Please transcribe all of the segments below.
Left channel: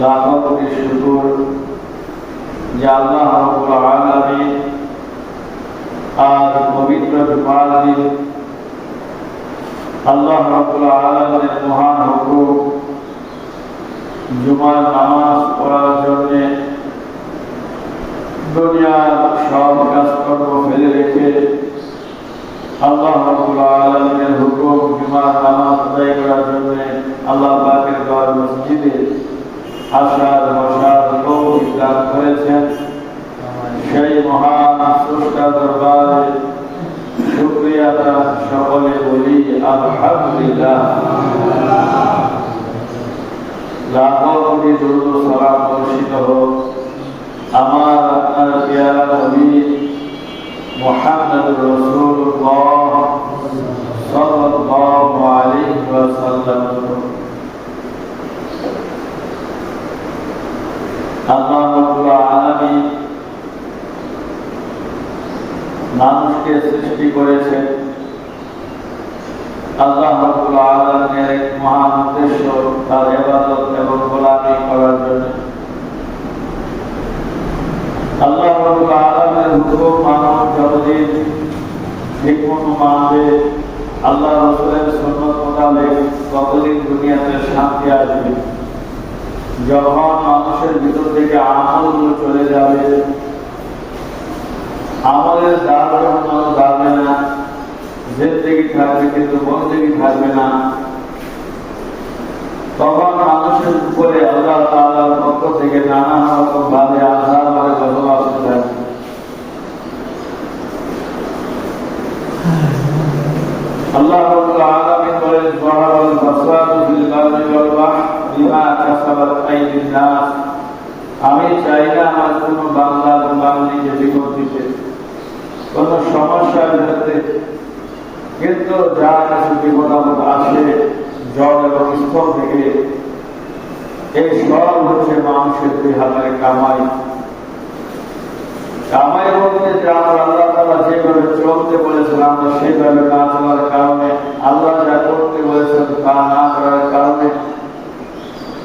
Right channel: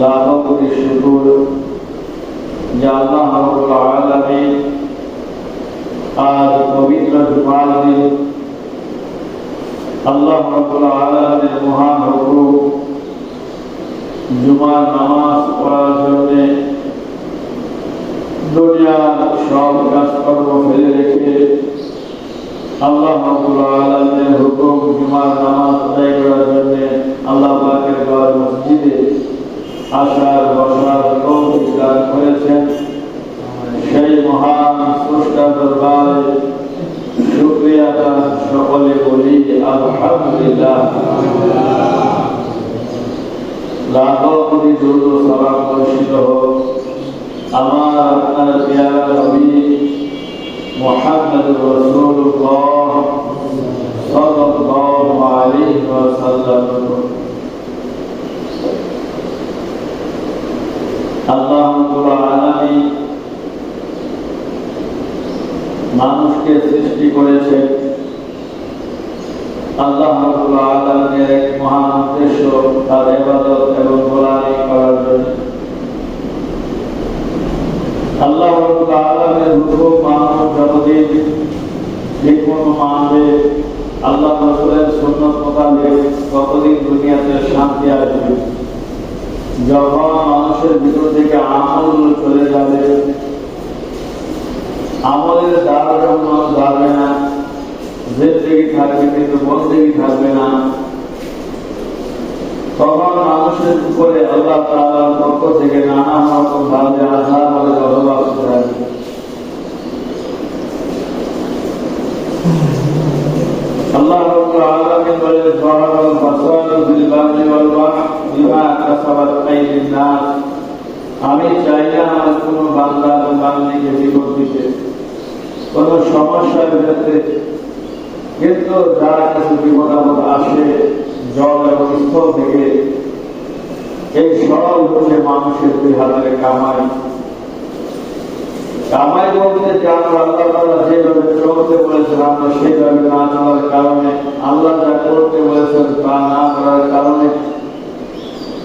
লাখো কোটি শুকর যে আল্লাহ রাব্বুল আলামিন আজ পবিত্র জুমার দিন আল্লাহ রাব্বুল আলামিনের মহান হুকুম জুমার নামাজ পড়ার জন্য দুনিয়ার সব কাজকর্ম ফেলে রেখে আল্লাহ রাব্বুল আলামিনের হুকুম জুমার নামাজ আদায় করার জন্য আল্লাহ পাকের ঘর মসজিদে আসার বসার তৌফিক দান করেছেন। সেই মহান স্রষ্টার দরবারে শুকরিয়া সকলে বলি আলহামদুলিল্লাহ। লাখো কোটি দুরূদ ও সালাম বর্ষিত হোক আমার আপনার প্রিয় নবী মুহাম্মদুর রাসূলুল্লাহ সাল্লাল্লাহু আলাইহি ওয়াসাল্লাম। আল্লাহ রাব্বুল আলামিন মানুষকে সৃষ্টি করেছেন। আল্লাহ রাব্বুল আলামিনের এক মহান উদ্দেশ্য তার ইবাদত এবং গোলামি করার জন্য। আল্লাহ রাব্বুল আলামিনের হুকুম মানব যতদিন ঠিকমত মানবে, আল্লাহ রাসূলের সুন্নাত মোতাবেক ততদিন দুনিয়াতে শান্তি আসবে। যখন মানুষের ভিতর থেকে আমলগুলো চলে যাবে, আমলের দ্বারা যখন মানুষ দাঁড়াবে না, জিন্দেগি থাকবে কিন্তু বন্দেগি থাকবে না, তখন মানুষের উপরে আল্লাহ তাআলার পক্ষ থেকে নানা রকম ভাবে আযাব আর গজব আসবে। আল্লাহ রাব্বুল আলামিন বলেন, যাহারাল ফাসাদু ফিল বাররি ওয়াল বাহরি বিমা কাসাবাত আইদিন নাস। আমি চাই না আমার কোনো বান্দা বা বান্দিকে বিপদ দিতে, কোনো সমস্যার ক্ষেত্রে, কিন্তু যা কিছু বিপদ আপদ আসে জল এবং স্থল থেকে, এই সব হচ্ছে মানুষের দুই হাতের কামাই। কামাই বলতে যা আল্লাহ তাআলা যেভাবে চলতে বলেছেন আমরা সেভাবে না চলার কারণে, আল্লাহ যা করতে বলেছেন তা না করার কারণে,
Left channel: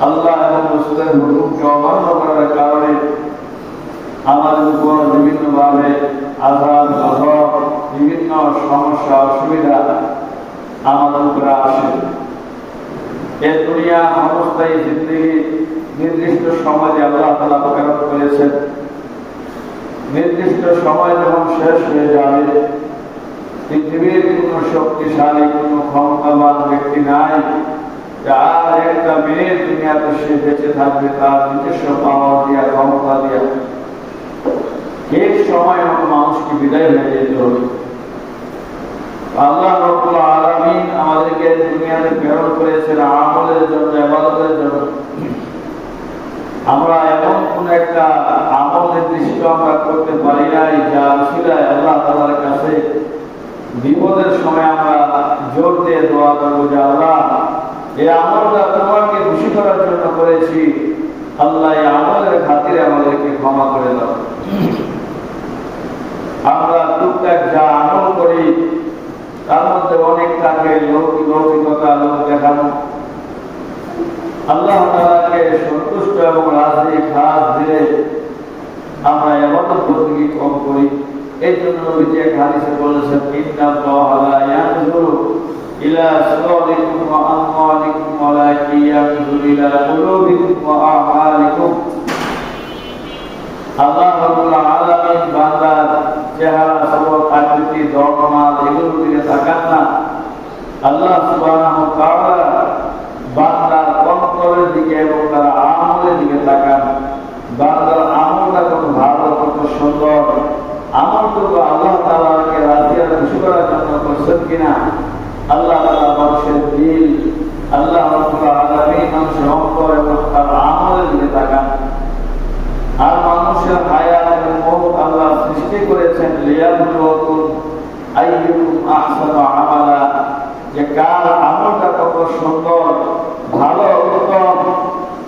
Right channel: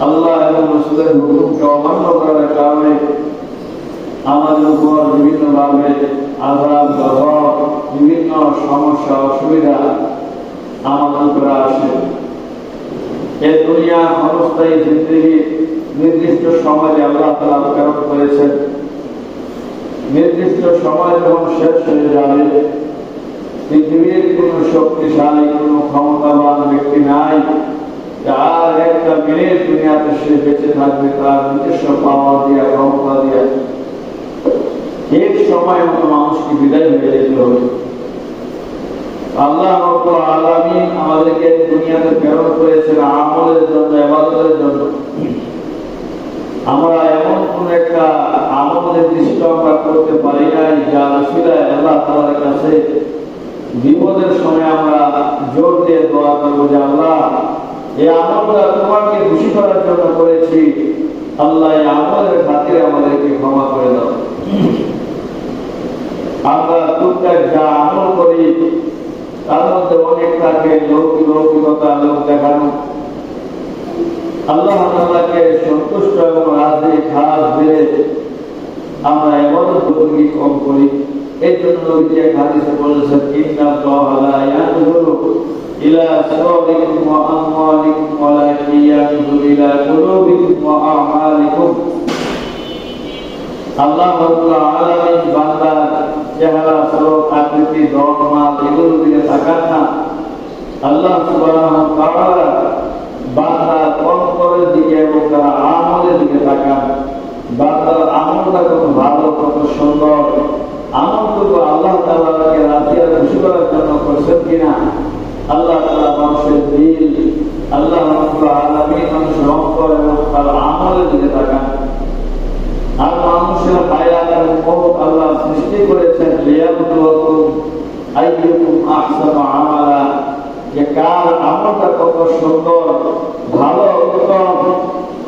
আল্লাহ এবং রাসূলের হুকুমকে অমান্য করার কারণে আমাদের উপর বিভিন্নভাবে আযাব গজব, বিভিন্ন সমস্যা অসুবিধা আমাদের উপরে আসে। এই দুনিয়া ক্ষণস্থায়ী জিন্দেগি নির্দিষ্ট সময় আল্লাহ তাআলা প্রেরণ করেছেন। নির্দিষ্ট সময় যখন শেষ হয়ে যাবে, পৃথিবীর কোন শক্তিশালী কোন ক্ষমতাবান ব্যক্তি নাই আর একটা মিনিট দুনিয়াতে সে বেঁচে থাকবে তার নিজস্ব পাওয়ার দিয়া, ক্ষমতা দিয়া। এক সময় মতো মানুষকে বিদায় হয়ে যেতে হবে। আল্লাহ রাব্বুল আলামিন আমাদেরকে দুনিয়াতে প্রেরণ করেছেন আমলের জন্য, ইবাদতের জন্য। আমরা এমন কোন একটা আমল নির্দিষ্ট আমরা করতে পারি নাই যা উসিলায় আল্লাহ তাআলার কাছে বিপদের সময় আমরা জোর দিয়ে দোয়া করব যে আল্লাহ এই আমলটা তোমাকে খুশি করার জন্য করেছি, আল্লাহ এই আমলের খাতিরে আমাদেরকে ক্ষমা করে দাও। আমরা টুকটাক যা আমল করি তার মধ্যে অনেক থাকে লৌকিকতা, লোক দেখানো। আল্লাহ তাআলাকে সন্তুষ্ট এবং রাজি খাস দিলে আমরা ইবাদত বন্দেগী কম করি। এই জন্য নবীজি এক হাদিসে বলেছেন, ইন্নাল্লাহা লা ইয়ানজুরু ইলা সুওয়ারিকুম ওয়া আমওয়ালিকুম ওয়ালাকিন ইয়ানজুরু ইলা কুলুবিকুম ওয়া আ'মালিকুম। আল্লাহ রাব্বুল আলামিন বান্দার চেহারা, স্বরূপ, আকৃতি, ধর্ম, এগুলোর দিকে তাকান না। আল্লাহ সুবহানাহু ওয়া তাআলা বান্দার অন্তরের দিকে এবং তার আমলের দিকে তাকান। বান্দার আমলটা কত ভালো, কত সুন্দর, আমলগুলো আল্লাহ তাআলাকে রাজি আর খুশি করার জন্য করছেন কিনা। আল্লাহ তাআলা মানুষের দিল, আল্লাহ রাব্বুল আলামিন মানুষের অন্তর এবং তার আমলের দিকে তাকান। আর মানুষের হায়াত এবং মওত আল্লাহ সৃষ্টি করেছেন লিয়াবলুয়াকুম আইয়ুকুম আহসানু আমালা, যে কার আমলটা কত সুন্দর, ভালো, উত্তম,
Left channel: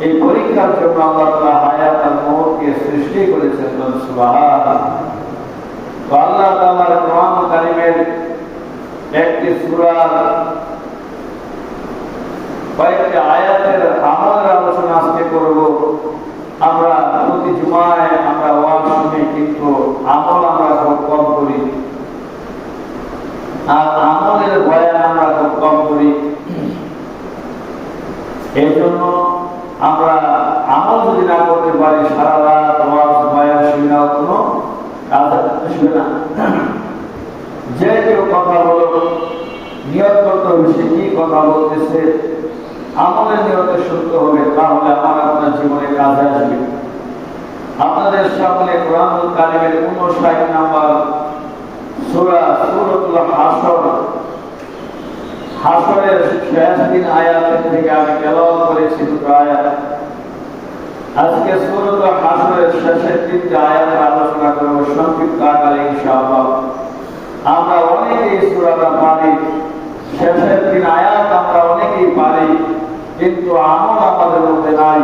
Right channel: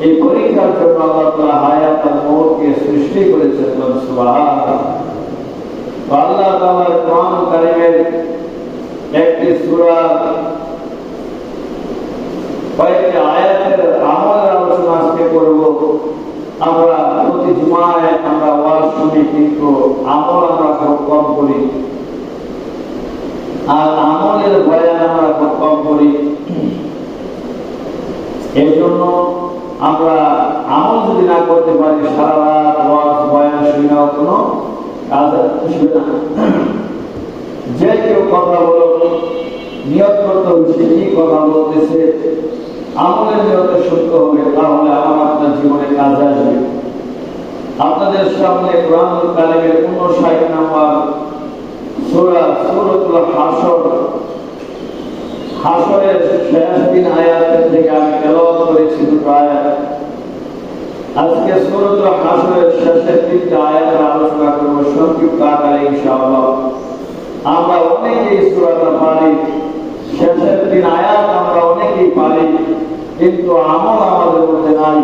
এই পরীক্ষার জন্য আল্লাহ তাআলা হায়াত আর মওতকে সৃষ্টি করেছেন। সুবহানাল্লাহ। আল্লাহ তাআলার কোরআন কারীমের একটি সূরা কয়েকটি আয়াতের আমলের আলোচনা আজকে করব। আমাদের বয়ান আমরা খুব কম করি। এই জন্য আমরা আমল যদি না করতে পারি, সারা রাত ওয়াজ বয়ান শুনেও কোনো কাজ আসবে না। যে কেউ কথা বলো, নিয়ত করতে হবে সে কি কথা বলতেছে, আমলের নিয়ত সত্য হবে, তাহলে আমার আপনার জীবনে কাজ আসবে। আপনাদের সামনে কোরআনুল কারীমের 59 নম্বর সূরা সূরাতুল হাসর, হাসরের শেষ দিন আয়াত থেকে আমি তেলাওয়াত করেছি দুটো আয়াত। আজকে সূরাতুল হাসরের শেষের 3টা আয়াতের আলোচনা করব সংক্ষিপ্ত আকারে ইনশাআল্লাহ। আমরা অনেকেই সূরাটা পারি, শেষের 3 আয়াত আমরা অনেকেই পারি, কিন্তু আমল আমাদের মধ্যে নাই।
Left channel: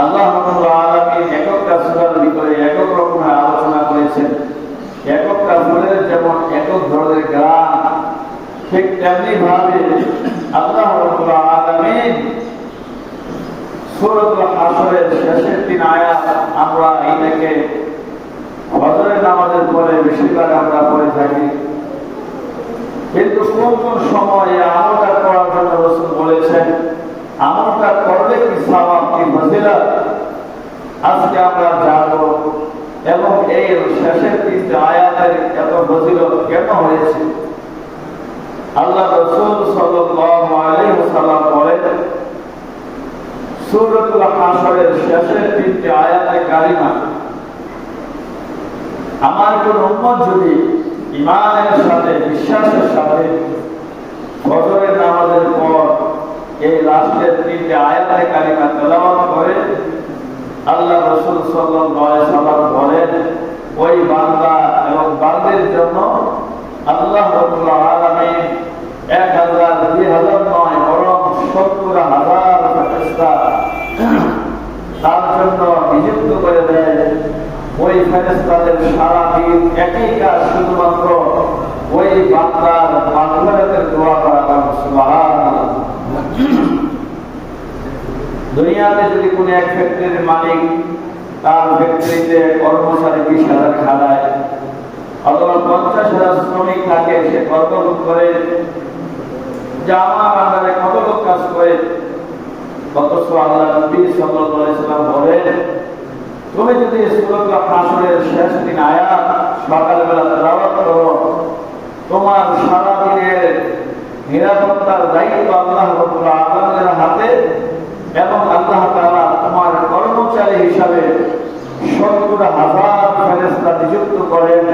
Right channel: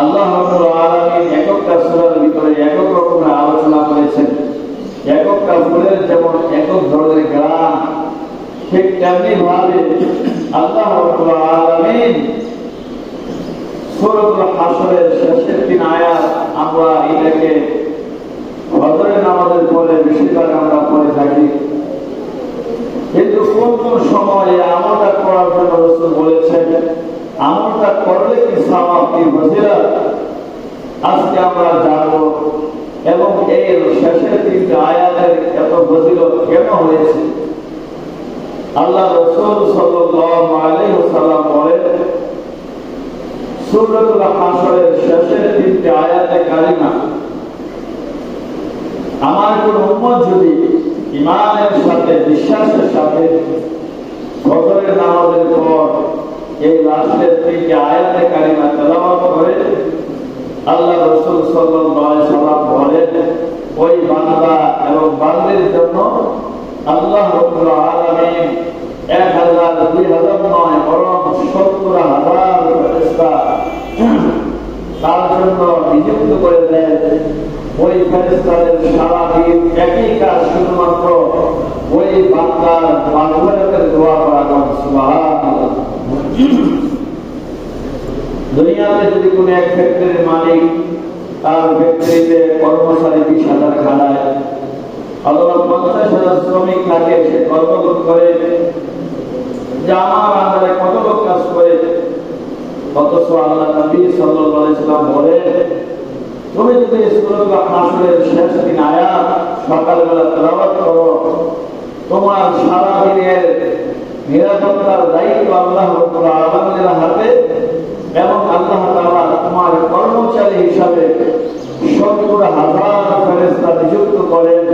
আল্লাহ রাব্বুল আলামিন এককটা সূরার ভিতরে একক রকমের আলোচনা করেছেন। এককটা সূরার যেমন একক ধরনের জ্ঞান, ঠিক তেমনি ভাবে আল্লাহ রাব্বুল আলামিন সূরাতুল হাসরের শেষের 3 আয়াত আমরা এটাকে ফজরের নামাজের পরে বেশিরভাগ আমরা পড়ে থাকি, কিন্তু কোন কোন সময় আমলটা করার জন্য রাসূল বলেছেন, আমলটা করলে কি সওয়াব কি ফজিলত, আজকে আমরা জানবো। এবং এই শেষের 3টা আয়াতের এত ফজিলত কেন হয়েছে। আল্লাহ রাসূল সাল্লাল্লাহু আলাইহি ওয়াসাল্লাম বলেন, সূরাতুল হাসরের শেষের 3টা আয়াতে কারিমা আমার কোন উম্মত যদি ঈমানের সাথে বিশ্বাসের সাথে ফজরের নামাজের পর এই লাস্টের 3টা আয়াতে কারিমা তেলাওয়াত করে, আল্লাহ রাসূল সাল্লাল্লাহু আলাইহি ওয়াসাল্লাম বলেন, ওই বান্দা এবং বান্দির জন্য আল্লাহ রাব্বুল আলামিন 1000 2000 নয় বরং 70,000 ফেরেশতা তার জন্য নিযুক্ত করে দেয়। ওই ফেরেশতাদের সারা দিন একই কাজ, শুধুমাত্র ওই বান্দার মাগফিরাতের দোয়া করা। সুবহানাল্লাহ। দুনিয়াতে যদি কোনো এক ফ্যাক্টরির মালিক তার ফ্যাক্টরিতে কর্মচারী 20,000 খাটায়, অথবা 50,000 শ্রমিক থাকে, সে কর্মবোধ করে যে আমার আন্ডারে কত লোক কাজ করে, অথচ আল্লাহ নবী সাল্লাল্লাহু আলাইহি ওয়াসাল্লাম বলেন, তুমি যদি সূরাতুল হাসরের শেষ 3 আয়াত সকালবেলা তেলাওয়াত করো, তোমার সারা দিনের নিরাপত্তার দায়িত্ব আল্লাহ রাব্বুল আলামিনের হাতে, এবং আল্লাহ তাআলা তোমার কর্মচারী হিসাবে 70,000 ফেরেশতা নিযুক্ত করেন,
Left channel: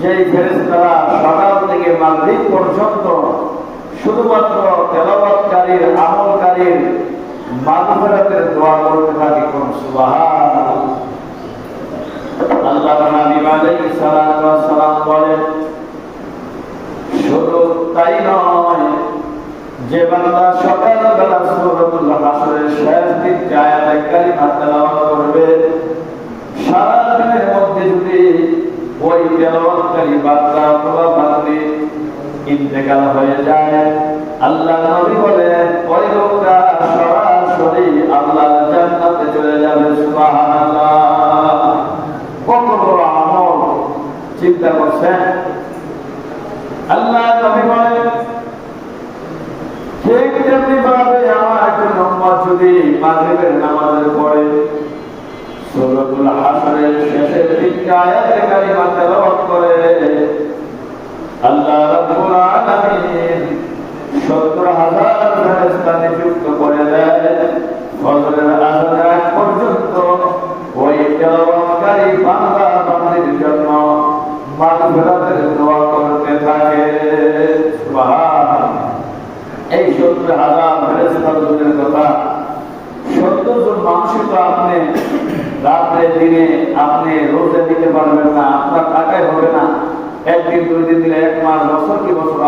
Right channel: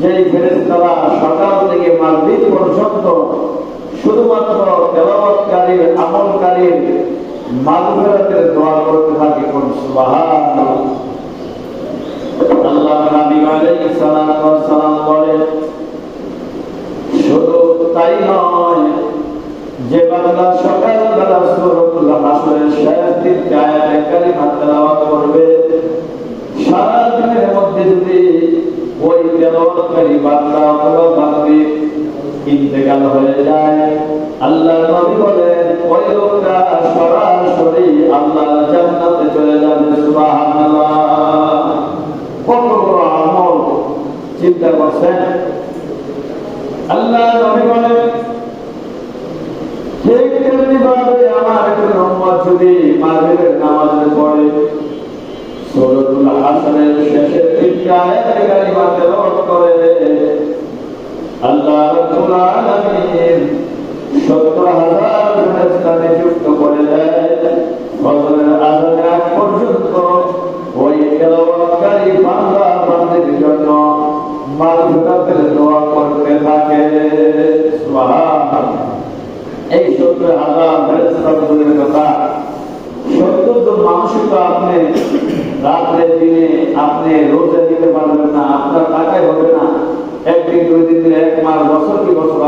যেই ফেরেশতারা সকাল থেকে মাগরিব পর্যন্ত শুধুমাত্র তেলাওয়াতকারীর, আমলকারীর মাগফিরাতের দোয়া করতে থাকে। সুবহানাল্লাহ। আল্লাহর নবী আলাইহিস সালাতু ওয়াস সালাম বলেন, শুধু তাই নয়, যে বান্দা সকালবেলা সূরাতুল হাসরের শেষ 3টা আয়াতে কারিমা তেলাওয়াত করবে, সারা দিনের মধ্যে যদি ওই তেলাওয়াতকারী বান্দা অথবা বান্দি ইন্তেকাল হয়ে যায়, আল্লাহ নবী বলেন ওই লোকটা সরাসরি আল্লাহর জান্নাতে চলে যাবে। সুবহানাল্লাহ। কত বড় আমল চিন্তা করছেন। আল্লাহ নবী বলেন, ঠিক তেমনি ভাবে আমার কোন উম্মত যদি মাগরিবের নামাজের পরে সূরাতুল হাসরের শেষের 3টা আয়াতে কারিমা তেলাওয়াত করে, আল্লাহ রাব্বুল আলামিন 70,000 ফেরেশতা নিযুক্ত করে দেয়। ফজরের আযানের আগ পর্যন্ত ওই তেলাওয়াতকারী বান্দা বান্দির জন্য মাগফিরাতের দোয়া করতে থাকে। সুবহানাল্লাহ। এই 70,000 ফেরেশতার দূরের কথা, 70 জন মানুষই তো আপনি রাত্রে দিনে আপনি রোজে দিতে পারবেন না, আপনার টাকায় হবে না। একদিন, 2 দিন, 1 মাস, বছর কি বছর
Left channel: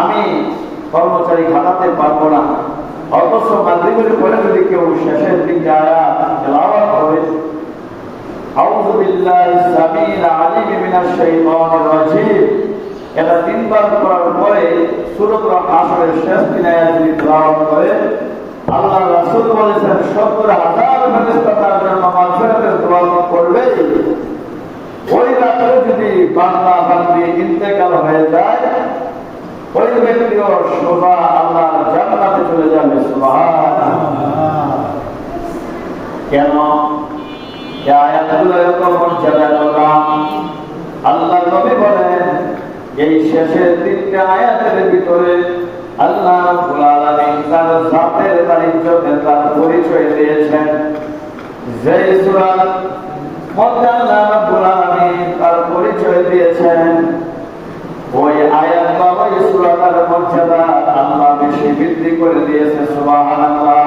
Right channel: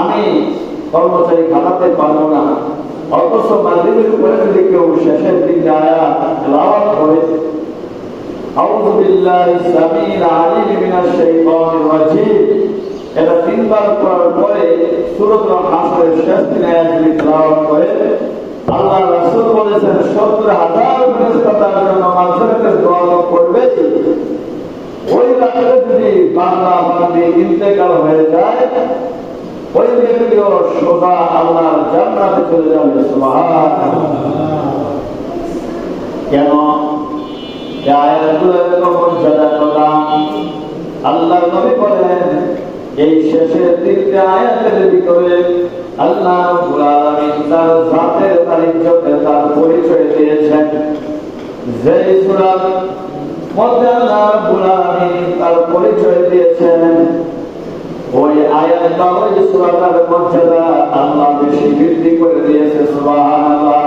আমি কর্মচারী খাটাতে পারবো না। অথচ মাগরিবের পরে যদি কেউ শেষের 3টা আয়াত তেলাওয়াত করে, আউযু বিল্লাহি সামিল আলিম মিনাশ শাইতানির রাজীম, এটা 3 বার পড়ার পরে সূরাতুল হাসরের শেষ 3 আয়াত যদি তেলাওয়াত করে, আল্লাহ রাসূল বলেছেন 70,000 ফেরেশতা তার জন্য মাগফিরাতের দোয়া করবে। ওই রাত্রে যদি বাংলা বান্দি ইন্তেকাল হয়ে যায়, ওই ব্যক্তিও সোজা আল্লাহর জান্নাতে চলে যাবে। সুবহানাল্লাহ। কেন এই আয়াতগুলো এরকম মর্যাদা করলাম? আল্লাহ নবী বলেন, এই শেষের তিনটা আয়াতের ভিতরে আল্লাহ রাব্বুল আলামিন তার জাতের, তার ইজ্জতের, তার পরিচয় দিয়েছেন। যে সূরার মধ্যে আল্লাহ রাব্বুল আলামিন তার পরিচয় দিয়েছেন, ওই আয়াত বা ওই সূরার মর্যাদা আল্লাহ বেশি বৃদ্ধি করে দিয়েছে। সুবহানাল্লাহ।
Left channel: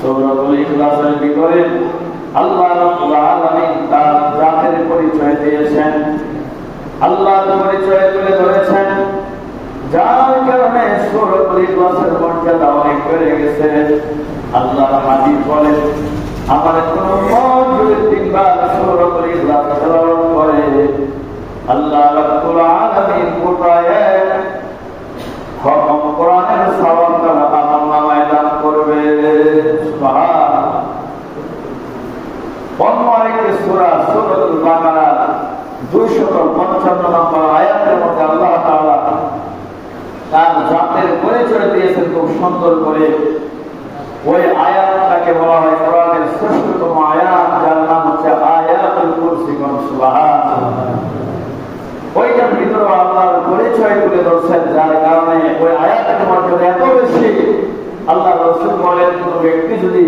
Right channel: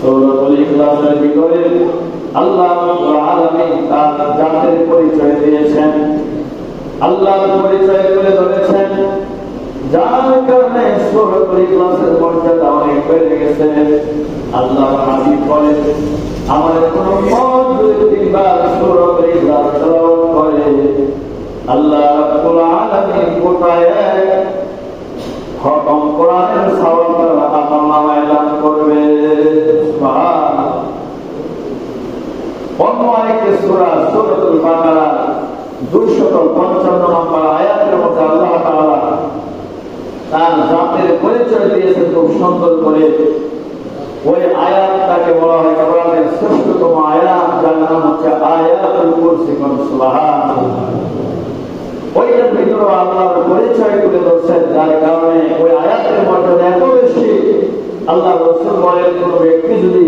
সূরাতুল ইখলাসের ভিতরে আল্লাহ রাব্বুল আলামিন তার জাতের পরিচয় দিয়েছেন, আল্লাহর পরিচয় তুলে ধরেছেন, যার কারণে সূরাতুল ইখলাসের মর্যাদা অনেক বেড়ে গেছে। আল্লাহ হাবিব বলেন, আমার কোন উম্মত যদি তিনবার সূরাতুল ইখলাস তেলাওয়াত করে, আল্লাহ রাব্বুল আলামিন গোটায় খতম কোরআনের সওয়াব তারা আমলনামায় দান করবে। সুবহানাল্লাহ। অন্য আরেকটি সূরা সূরাতুল বাকারা 255 নম্বর আয়াতের মধ্যে আল্লাহ তাআলা তার জাতের পরিচয় দিয়েছেন খুব সুন্দর করে। ওই আয়াতটাকে বলা হয় কোরআনের শ্রেষ্ঠতম আয়াত, যার নাম হচ্ছে আয়াতুল কুরসি। সুবহানাল্লাহ। ওইটার ভিতরে আল্লাহর পরিচয় তুলে ধরছেন, যার কারণে ওই আয়াতের মর্যাদা এত বেশি। আল্লাহ রাসূল বলেন, কোন ব্যক্তি যদি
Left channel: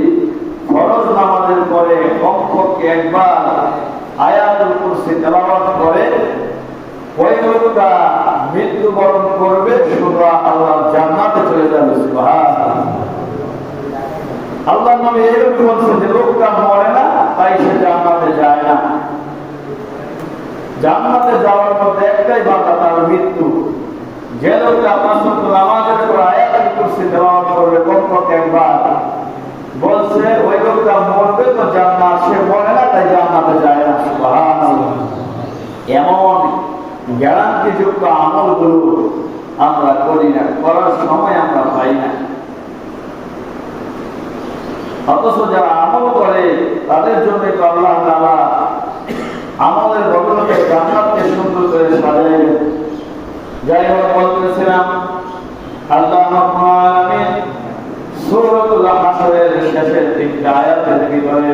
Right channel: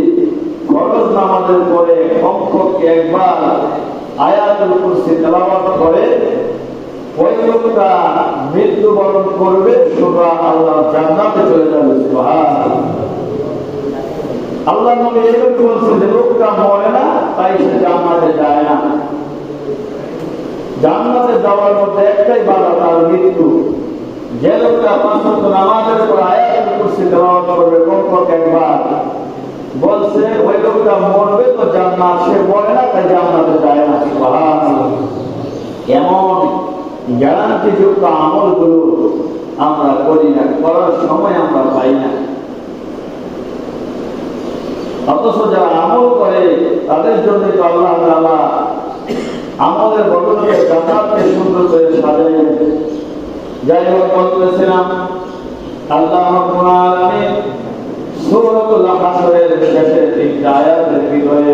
ফরজ নামাজের পরে কমপক্ষে একবার আয়াতুল কুরসি তেলাওয়াত করে, ওই লোকটা মৃত্যুবরণ করবে, সোজা আল্লাহর জান্নাতে চলে যাবে। সুবহানাল্লাহ। আল্লাহর নবী এরকম বলছে যে লোকটা মরে না, তাই সে জান্নাতে যায় না। জান্নাতে যাওয়ার মধ্যে একটাই বাধা, তার মৃত্যু। যে লোকটা 5 ওয়াক্ত নামাজের পর আয়াতুল কুরসি তেলাওয়াত করবে কমপক্ষে একবার, বলছে ওই লোকটা মরবে তো জান্নাত, সে মরে না তাই জান্নাতে যায় না। সুবহানাল্লাহ। এমন গ্যারান্টিযুক্ত আমলগুলো আমরা করি না, করার সময় আমরা পাই না। অথচ যারা আমল করে তাদের জন্য তো আল্লাহ তাআলা আমলের বদলে জান্নাতকে সুন্দর করে সাজায়। যাই হোক, বলতেছিলাম আল্লাহ রাব্বুল আলামিন সূরাতুল হাসরের শেষের তিনটা আয়াতের ভিতরে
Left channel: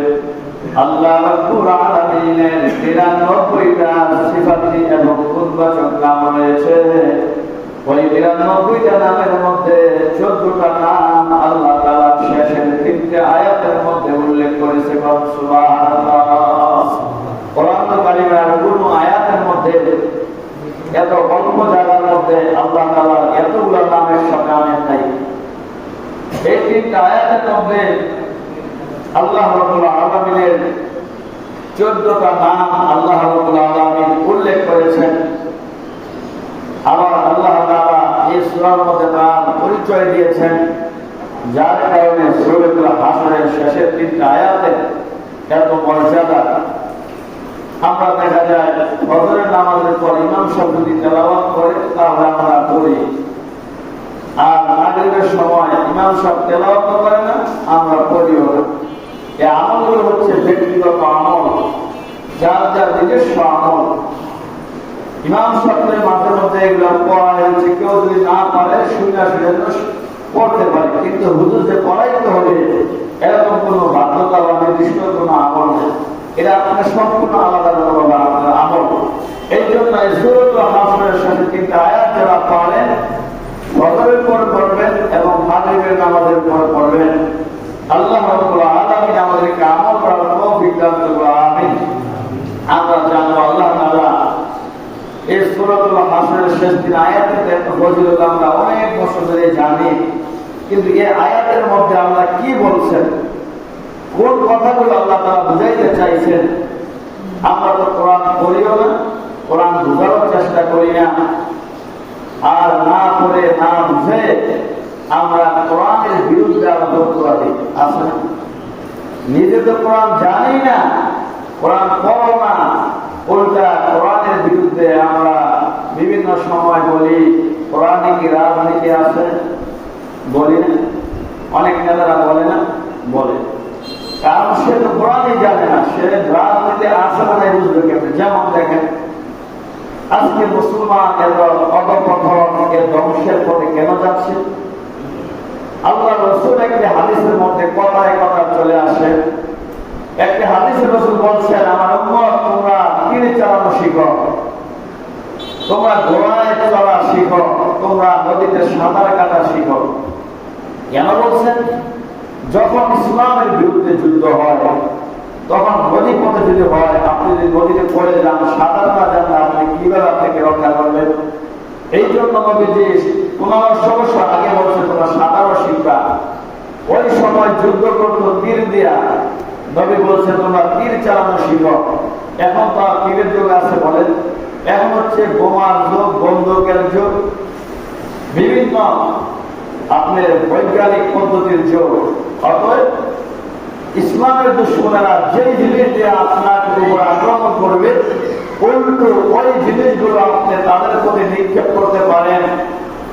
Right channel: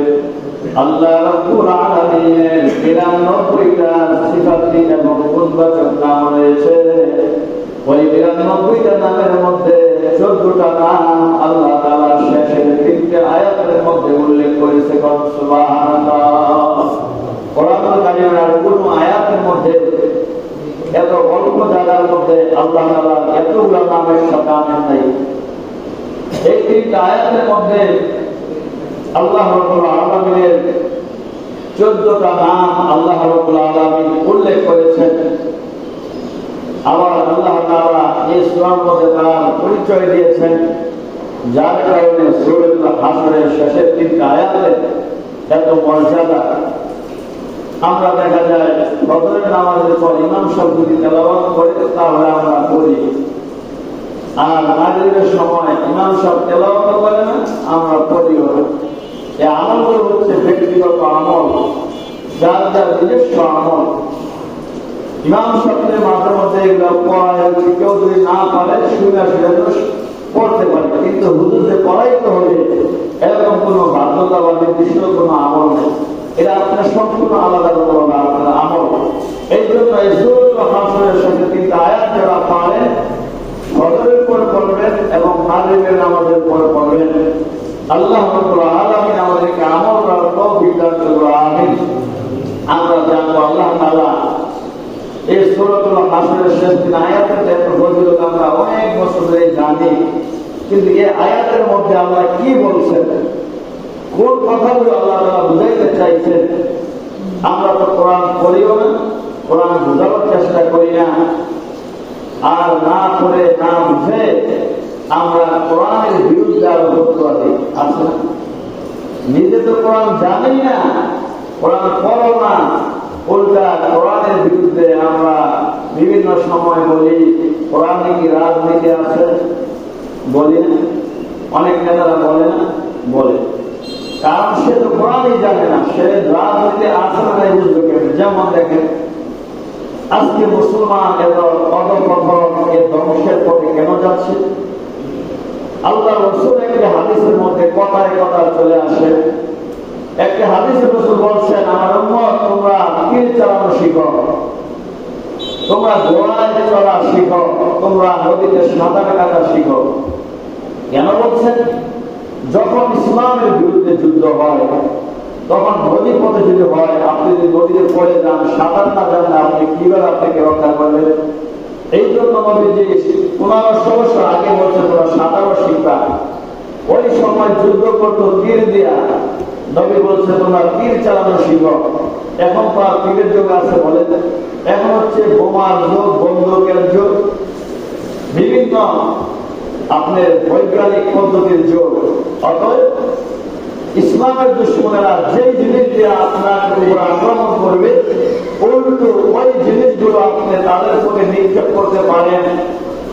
আল্লাহ রাব্বুল আলামিনের ৯৯টা সিফাতি এবং গুণবাচক নাম রয়েছে। ওই ৯৯টা নামের মধ্যে ১৪টা নাম আল্লাহ তাআলা শেষের তিনটা আয়াতের মধ্যে উল্লেখ করেছে। সুবহানাল্লাহ। কোরআনুল কারীমের কোন আয়াতের মধ্যে এত অল্প জায়গার মধ্যে আল্লাহ তাআলা এতগুলো নামের সাথে আনেন নাই। এই তিনটা আয়াতের মধ্যে আল্লাহ রাব্বুল আলামিনের ১৪টা নাম আল্লাহ রাব্বুল আলামিন উল্লেখ করেছেন। আবার আল্লাহ তাআলা এই সূরার মধ্যে তার পরিচয় দিয়েছেন, যার কারণে সূরাতুল হাসরের শেষের তিনটা আয়াতে এত মর্যাদা। আমরা দেখা যায় ফজরের নামাজের পর ইমাম সাহেব যদি তেলাওয়াত করে তাহলে আমরা পড়ি, আর মাগরিবের সময় ইমাম সাহেব তেলাওয়াত করে না, আমরা পড়িও না। এই আমলগুলো হচ্ছে ব্যক্তিগত আমল, যার যার নিজস্ব আমল। ইমাম সাহেবের মাঝে মধ্যে এগুলো পড়ায়, কেউ যদি না পারে শুনে পড়তে পারে, কিন্তু হুজুর যে পড়াইতে হবে এরকম কোন বাধ্যতা বা নির্দিষ্ট কোন আমল নেই। এটা আপনার সম্পূর্ণ আলাদা আলাদা আপনার আমল। এই জন্য সূরাতুল হাসরের সাথে তিনটা আয়াত যারা পড়েন, ফজরের পর পড়বেন এবং মাগরিবের নামাজের পর পড়বেন। আল্লাহ রাব্বুল আলামিন আমাদেরকে আমল করার তৌফিক দান করুন। আমিন। আমরা জানবো আল্লাহ তাআলা এই সূরাতুল হাসরের শেষ তিন আয়াতের এত ফজিলত আমরা অনেক বছর ধরে জানি, কিন্তু এই আয়াতের মধ্যে আল্লাহ কি বলছেন, কোন কথাগুলো আল্লাহ তাআলা বুঝাইতে চাইছেন, আমরা তো কোরআন পড়িও না, কোরআন বোঝার চেষ্টা করি না, আর না পড়ে না বুঝে আমরা কোরআনের বিরুদ্ধে আলোচনা করি। আছে না? নিজে তো কোরআন জানি না, কোরআন পড়ো না, উল্টা কোরআনের বিরুদ্ধে আমরা বিভিন্ন সময় বলি কোরআনে কি রাজনীতি আছে, বলি না? অনেক নেতারা বলে না, বলে। কারণ সে তো কোরআনই জানে না, সে রাজনীতি আসলে বুঝবে কেমন। যেমন দেখেন আজকে মুসলমান ধ্বংসের পথে কেন যাচ্ছে? আল্লাহ রসুল একটি হাদিসের মধ্যে কথায় কথা চলে আসে। একটি হাদিসের রসুল বলছেন, আমার উম্মত তোমরা তীর চালানো শিখো, তোমরা ঘোড়ায় চলা শিখো, তোমরা নদীতে সাঁতার কাটা শিখো। কেন বলছেন? যখন ইসলামের বিরুদ্ধে যুদ্ধ হয়, তখন নদী পথে যদি হয়, আপনি যদি নদীতে পড়ে যান, সাঁতার না জানলে আপনি কিভাবে আপনাকে রক্ষা করবেন? এই জন্য নবীজি 1500 বছর আগে বলছে তোমরা সাঁতারও শিখবা। ওই সময় যুদ্ধ করতো তীর দিয়া, নবী বলছে তোমরা তীর চালানো শিখো। এখন তো আর তীরের যুগ আছে বলেন, এখন হচ্ছে বোমার যুগ, বন্দুকের যুগ, বিভিন্ন আপনার বৈজ্ঞানিক পদ্ধতির যুগ। অতএব ইসলামের দুশ্মনেরা যে জিনিস দিয়ে আপনার উপর আক্রমণ করবে, উল্টো ওই জিনিসগুলো আপনি তাদের প্রতি নিক্ষেপ করতে পারেন,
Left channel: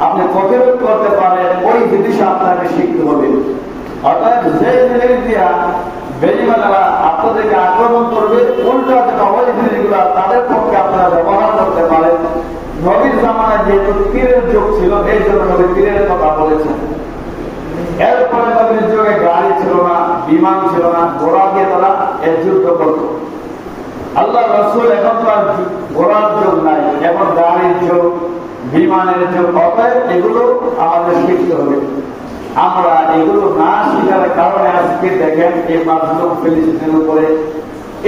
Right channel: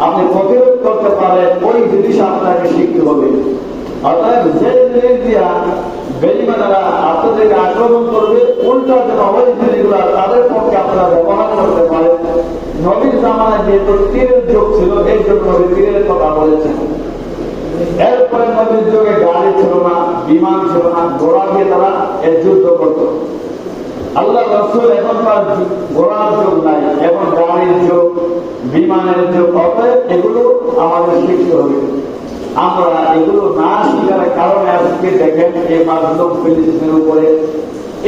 আপনি প্রতিরোধ করতে পারেন, ওই জিনিস আপনাকে শিখতে হবে। অর্থাৎ যে জিনিস দিয়া বেঈমানেরা আপনাদেরকে আক্রমণ করবে, উল্টো ওই জিনিসগুলো তাদের পক্ষে আপনারা ব্যবহার করতে পারেন। নবীর জামানায় যেহেতু তীরের যুগ ছিল, এই জন্য নবী তীরের কথা বলেছেন। এরপরে নবীর যুগে গাড়ি ছিল না, বিমান ছিল না, ঘোড়া দিয়ে তারা এই যুদ্ধ করত। আল্লাহ রসুল এখন তার ঘোড়ার যুগ নাই, এখন গাড়ির যুগ, বিমানের যুগ। অতএব এগুলো আমাদের শিখতে হবে। আমরা এগুলো না শিখার কারণে আজকে দেখেন এই মাজলুম ফিলিস্তিনের উপরে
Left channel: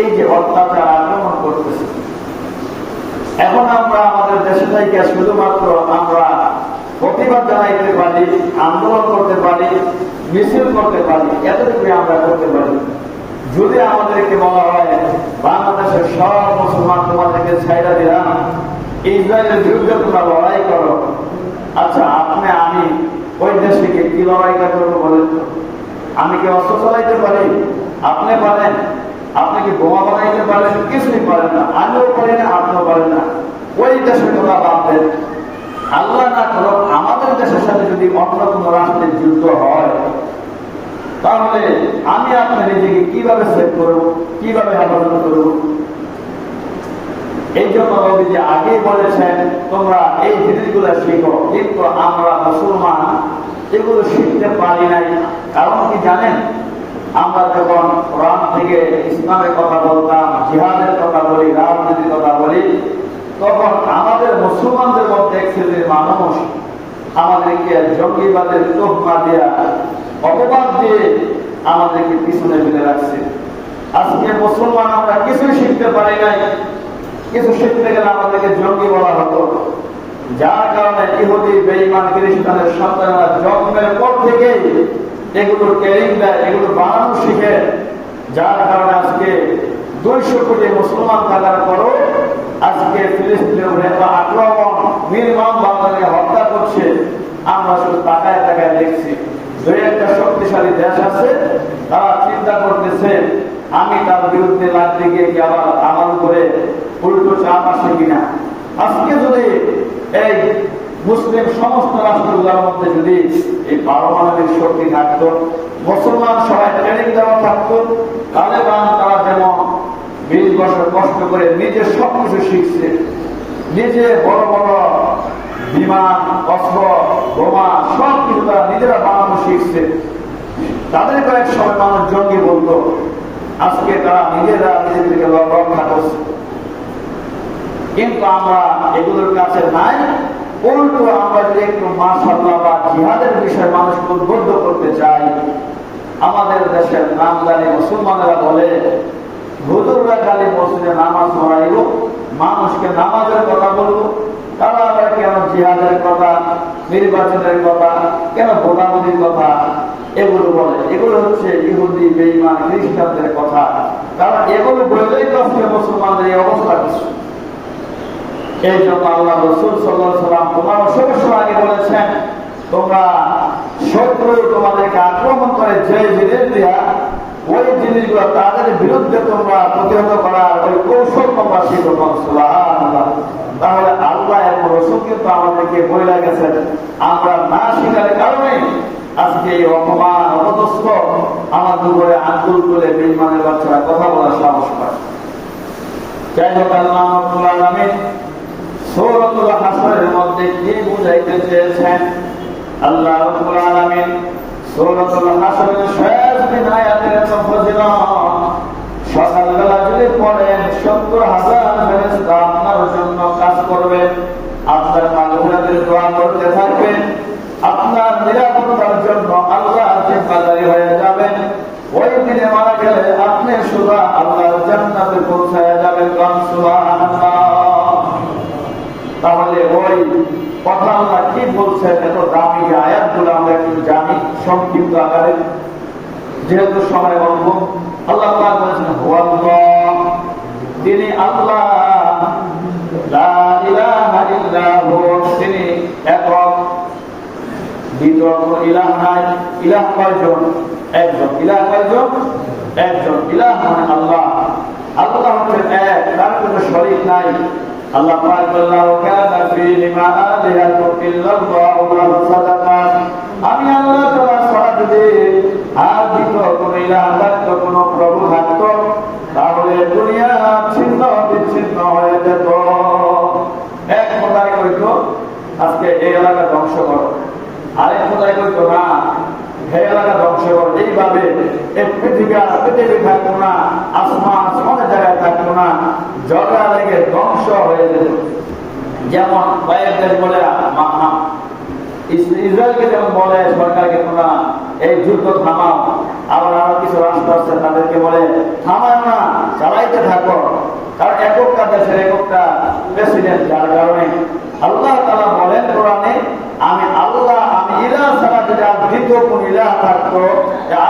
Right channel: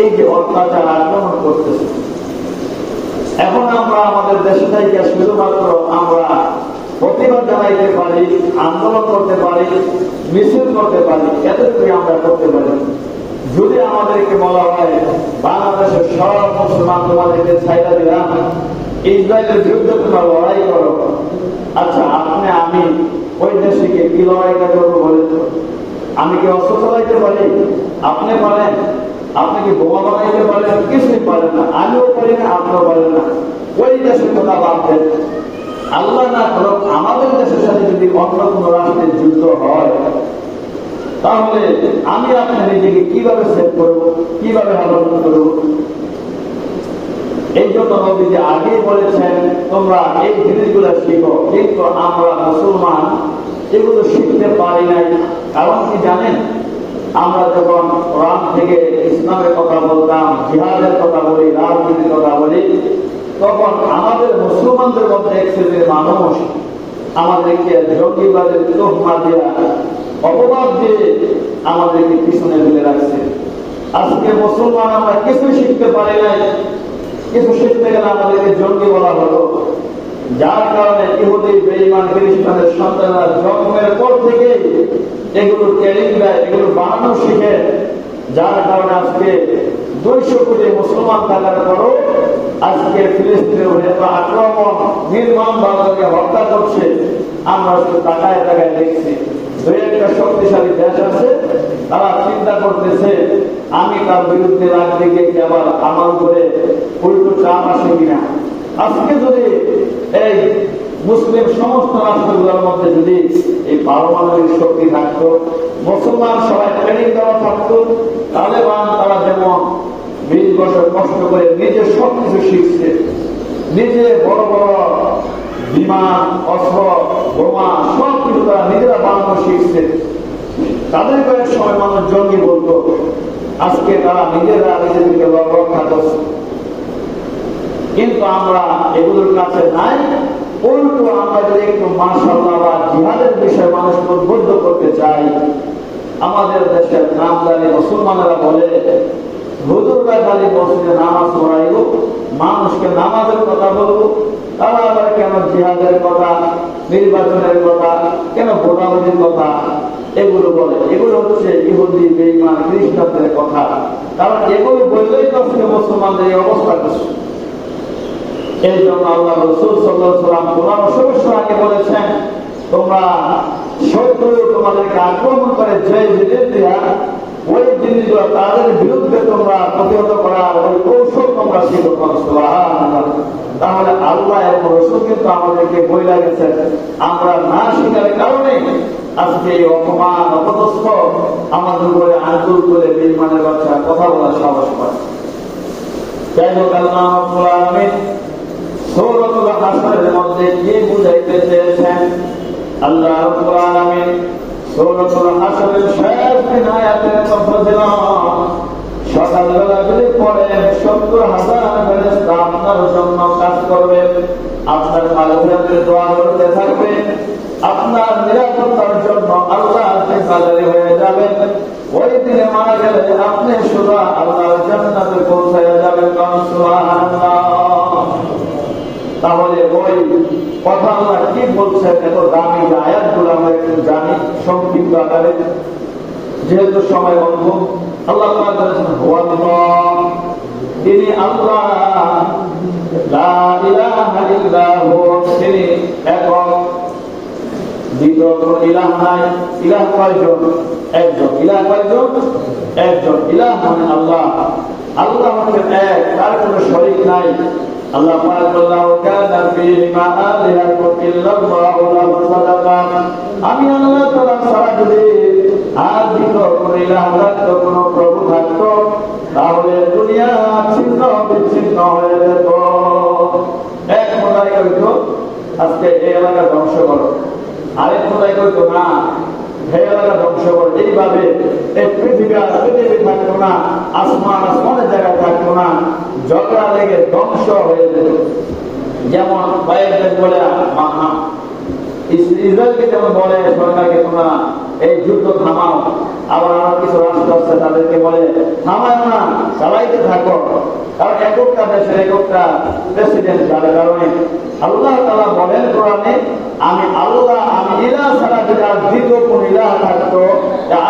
এই যে অত্যাচার আক্রমণ করতেছে। এখন আমরা আমাদের দেশে থেকে শুধুমাত্র আমরা প্রতিবাদ জানাইতে পারি, আন্দোলন করতে পারি, মিছিল করতে পারি, এতটুকুই আমরা করতে পারি। যদি আমাদেরকে বলা হয় বাংলাদেশের সব মুসলমান তোমাদেরকে ছাইড়া দিলাম, ইসরায়েলের যুদ্ধে তোমরা লড়াই করো, আচ্ছা আপনি আমি ওই দেশে কি লড়াইটা করবো বলেন তো? আমি কি অস্ত্র চালাইতে পারি? আপনি পারেন? আপনি কি বোমা বানাইতে পারেন? কিছুই পারেন না, আমিও পারি না, আপনিও পারেন না। ওই দেশে তোমরা ভাবতেন আল্লাহ না করো আমাদের দেশের সাথে যদি অন্য কোন রাষ্ট্রের যুদ্ধ হয়, তাহলে আমি আপনার নিজেকে কিভাবে সেভ করবো, কিভাবে হেফাজত করবো? এই জন্য নবীজি আগেই বলেছেন তোমরা এই জিনিসগুলো শিখো। কিন্তু আমরা মুসলমান এগুলো শিখতে পারি নাই। কারণ কি জানেন? আমরা যখন কোরআন থেকে ইসলামের কথা বলতাম, জিহাদের কথা বলি, রাজনীতির কথা বলি, তখন আমাদের মুসলমানদের মধ্যে এক শ্রেণীর মানুষ আমাদেরকে জঙ্গিবাদের তোহমা দিয়া, অপবাদ দিয়ে আমাদেরকে পিছনে ফেলে রাখছে। আজকে মুসলমান আমরা কিছুই শিখতে পারি নাই। কিছু শিখতে গেলে আমাদেরকে জঙ্গি বলা হতো, যার কারণে ইহুদি বেঈমান খ্রিস্টানের সন্তানরা জন্মের পর থেকে এগুলো ট্রেনিং দেয়, এগুলো বানানো শিখে। যার কারণে আজকে 200 কোটি মুসলমান থাকার পরও আজকে ফিলিস্তিনের নেতা আক্রমণ নির্মম ভাবে হত্যা করছে। আমরা শুধু তাকায় তাকায় দেখছি। দুই একটা শক্তিশালী দেশ আছে, তারা চিন্তা করতেছে আমি তার বিরুদ্ধে রাজ্যে গিয়ে আবার আমার উপরে উল্টো চাপ আসে কিনা। আজকে যদি এই মুসলিম সমস্ত রাষ্ট্রগুলোর মধ্যে যদি এই পারমাণবিক শক্তি থাকতো, মুসলমান সবাই ট্রেনিং দেওয়া থাকতো, তালেবান তারা যেমন 20 বছর কষ্ট করে নিজে সবকিছু শিখছে, নিজে বড় বড় বিমান, অস্ত্র, বোমা সবকিছু তারা নিজেরা বানানো শিখছে। তাদেরকে এক সময় মানুষ জঙ্গি বলতো, আজকে তারা নিজেরা নিজেদেরকে রক্ষা করছে। কিন্তু আমরা এগুলোর কাছে নাই। উল্টো আমরা যদি একটু মাশাআল্লাহ বা জিহাদের বিষয়ে মানুষকে উদ্বুদ্ধ করতে চাই, আমাদের দেশের নামদারি মুসলমানেরা বলে হুজুররা খালি মসজিদে নামাজ পড়াইব, মানুষকে নামাজের কথা বলবো, তারা আবার কেন জিহাদের কথা, নির্বাচনের কথা, কেন ভোটাভুটির কথা এগুলো বলে। এগুলো হচ্ছে ইহুদি বেঈমান খ্রিস্টানদের কথা। কারণ এগুলো বললেই তো মুসলমানদের এই অবস্থা কিছু। এই জন্য আল্লাহ রাসূল সাল্লাল্লাহু আলাইহি ওয়াসাল্লাম 1500 বছর আগে বলেছেন তোমরা শত্রু তোমাদেরকে আক্রমণ করে যে জিনিস দিয়া, ওই জিনিসগুলো তাদের বিরুদ্ধে তোমরা প্রতিহত করার ওই কৌশল তোমরা শিখো। সুবহানাল্লাহ। তাহলে আল্লাহ এবং রাসূল কিন্তু আমাদেরকে বলে গেছেন, আমরা না শিখার কারণে আজকে এই অপমান অপদস্থ সমস্ত আমাদের উপরে আঙ্গুল করে বেঈমানের বাচ্চারা কথা বলার সাহস পায়। যাই হোক, আল্লাহ রাব্বুল আলামিন সূরাতুল হাসরের মধ্যে কি বুঝাইতে চেয়েছেন? আল্লাহ রাব্বুল আলামিন সূরাতুল হাসরের শেষ তিন আয়াতের ফজিলত সকালবেলা যদি পড়ে ৭০,০০০ ফেরেশতা আপনার জন্য কাজ করবে, আপনার মাগফিরাতের দোয়া করতে থাকবে, আপনার নিরাপত্তার জন্য আল্লাহ জিম্মাদারি হয়ে যাবেন। ওই দিনে মারা গেলে আপনি শুধু আল্লাহর জান্নাতে পৌঁছে যাবেন। সুবহানাল্লাহ। তাহলে ওই কথা আল্লাহ কি বলছে, এত দামি যে আয়াতগুলো আমরা একটু জানি সংক্ষিপ্ত আকারে, যেহেতু সময় অল্প। আল্লাহ পাক বলেছেন হুয়াল্লাহ, তিনি আল্লাহ, লা ইলাহা ইল্লা হু, তিনি একক, দ্বিতীয় কোনো ইলাহ নাই। ইলাহ কয়জন? একজন। ইলাহ কয়জন? একজন। ইলাহ মানে আল্লাহ। আল্লাহ হচ্ছেন এক, তার কোনো শরীক নাই। আল্লাহ পাক বলেন কানা ফীহিমা আলিহাতুন ইল্লাল্লাহু লাফসাদাতান, আমি আল্লাহ তাআলা ছাড়া যদি আর দ্বিতীয় কোনো ইলাহ থাকতো, কোনো প্রভু থাকতো, তাহলে দুনিয়া ছিন্ন বিচ্ছিন্ন হয়ে যেত। এক খোদাই কইতো আজকে এই এলাকা ধ্বংস করো, আরেক খোদাই কইতো না এই এলাকা ধ্বংস করো। এইভাবে এই পৃথিবী থাকতো না, আসমান সব জায়গায় থাকতো না, ঝগড়া লেগে ধ্বংস হয়ে যেত। যেমন কয়েকদিন বলে ইসরায়েলকে যেমন বলে সরকারকে তোমরা এই যুদ্ধ থামাও, আবার আরো কিছু রাষ্ট্র আছে তাদেরকে বলে থামায় না, চালাইতে থাকো। কারণ এককটা দেশের এককটা প্রেসিডেন্ট, যার কারণে আল্লাহ তাআলা বলেন কোরআনে, আমি আল্লাহ, আমি ইলাহ ছাড়া যদি আর দ্বিতীয় কোন ইলাহ থাকতো,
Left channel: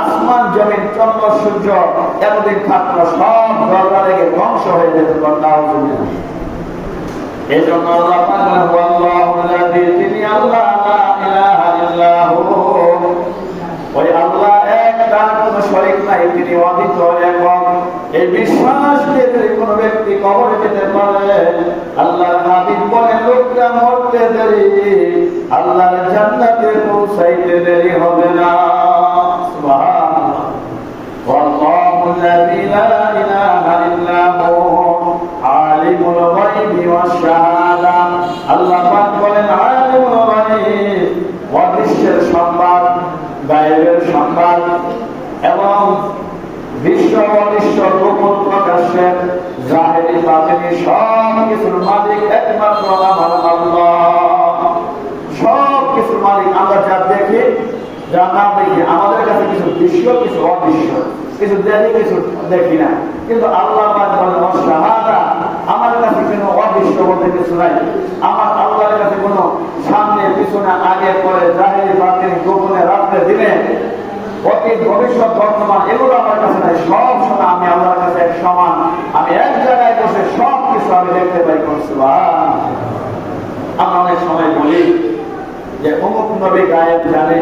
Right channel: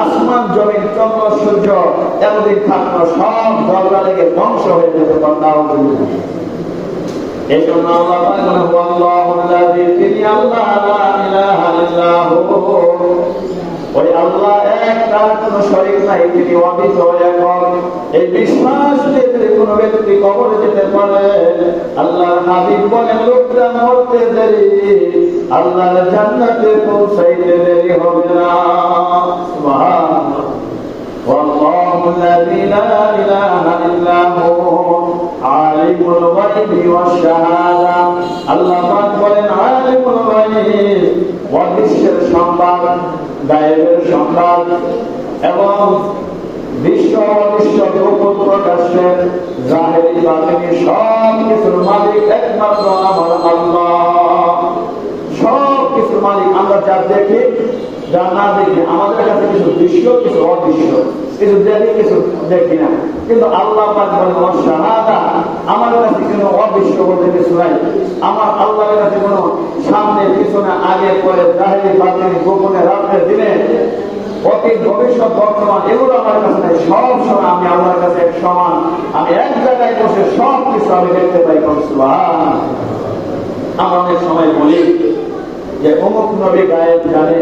আসমান জমিন চন্দ্র সূর্য এতদিন থাকতো, সব ঝগড়া লেগে ধ্বংস হয়ে যেত। এই জন্য আল্লাহ পাক হুয়াল্লাহুল্লাযী, তিনি আল্লাহ, লা ইলাহা ইল্লা হু, ওই আল্লাহ এক, তার কোনো শরীক নাই, তিনি অদ্বিতীয় একক। এই বিশ্বাসকে যদি কোনো ব্যক্তি কবরে যেতে পারে, আল্লাহর হাবিব বলেন লোকটা মরতে দেরি, আল্লাহর জান্নাতে পৌঁছাইতে দেরি হবে না। সুবহানাল্লাহ। ওয়াল্লাহুল্লাযী লা ইলাহা ইল্লা হু আলিমুল গায়বি ওয়াশ শাহাদা, আল্লাহ পাক বলেন আলিমুল গায়ব, অদৃশ্যের সংবাদ, গায়েবের সংবাদ এবং বিশ্ব অদৃশ্য গোপন প্রকাশের জাহেরি বাতিনি সব কিছুর মালিক একমাত্র আমার আল্লাহ। সব কিছুর মালিক। আমরা যা দেখি, যা না দেখি, আমাদের কাছে কিছু দৃশ্য, কিছু অদৃশ্য, কিছু দেখি, কিছু দেখি না, কিন্তু আল্লাহ পাক বলেন শাহাদা, আমার কাছে কোনো অদৃশ্য বলতে কিছু নাই। আমার আল্লাহর কাছে কোনো সামনে পিছনে আগে পরে জাহেরি বাতিনি গোপনে রাত্রে দিনে অতীত ভবিষ্যৎ বর্তমান এগুলো আমার কাছে নাই। সব সময় আমি আল্লাহর কাছে এক সমান, আমি এক জায়গায় বসে সব কিছু আমি দেখতে পাই। সুবহানাল্লাহ। আমরা অনেক সময় বলি যে অমুক নবী গায়েব জানে,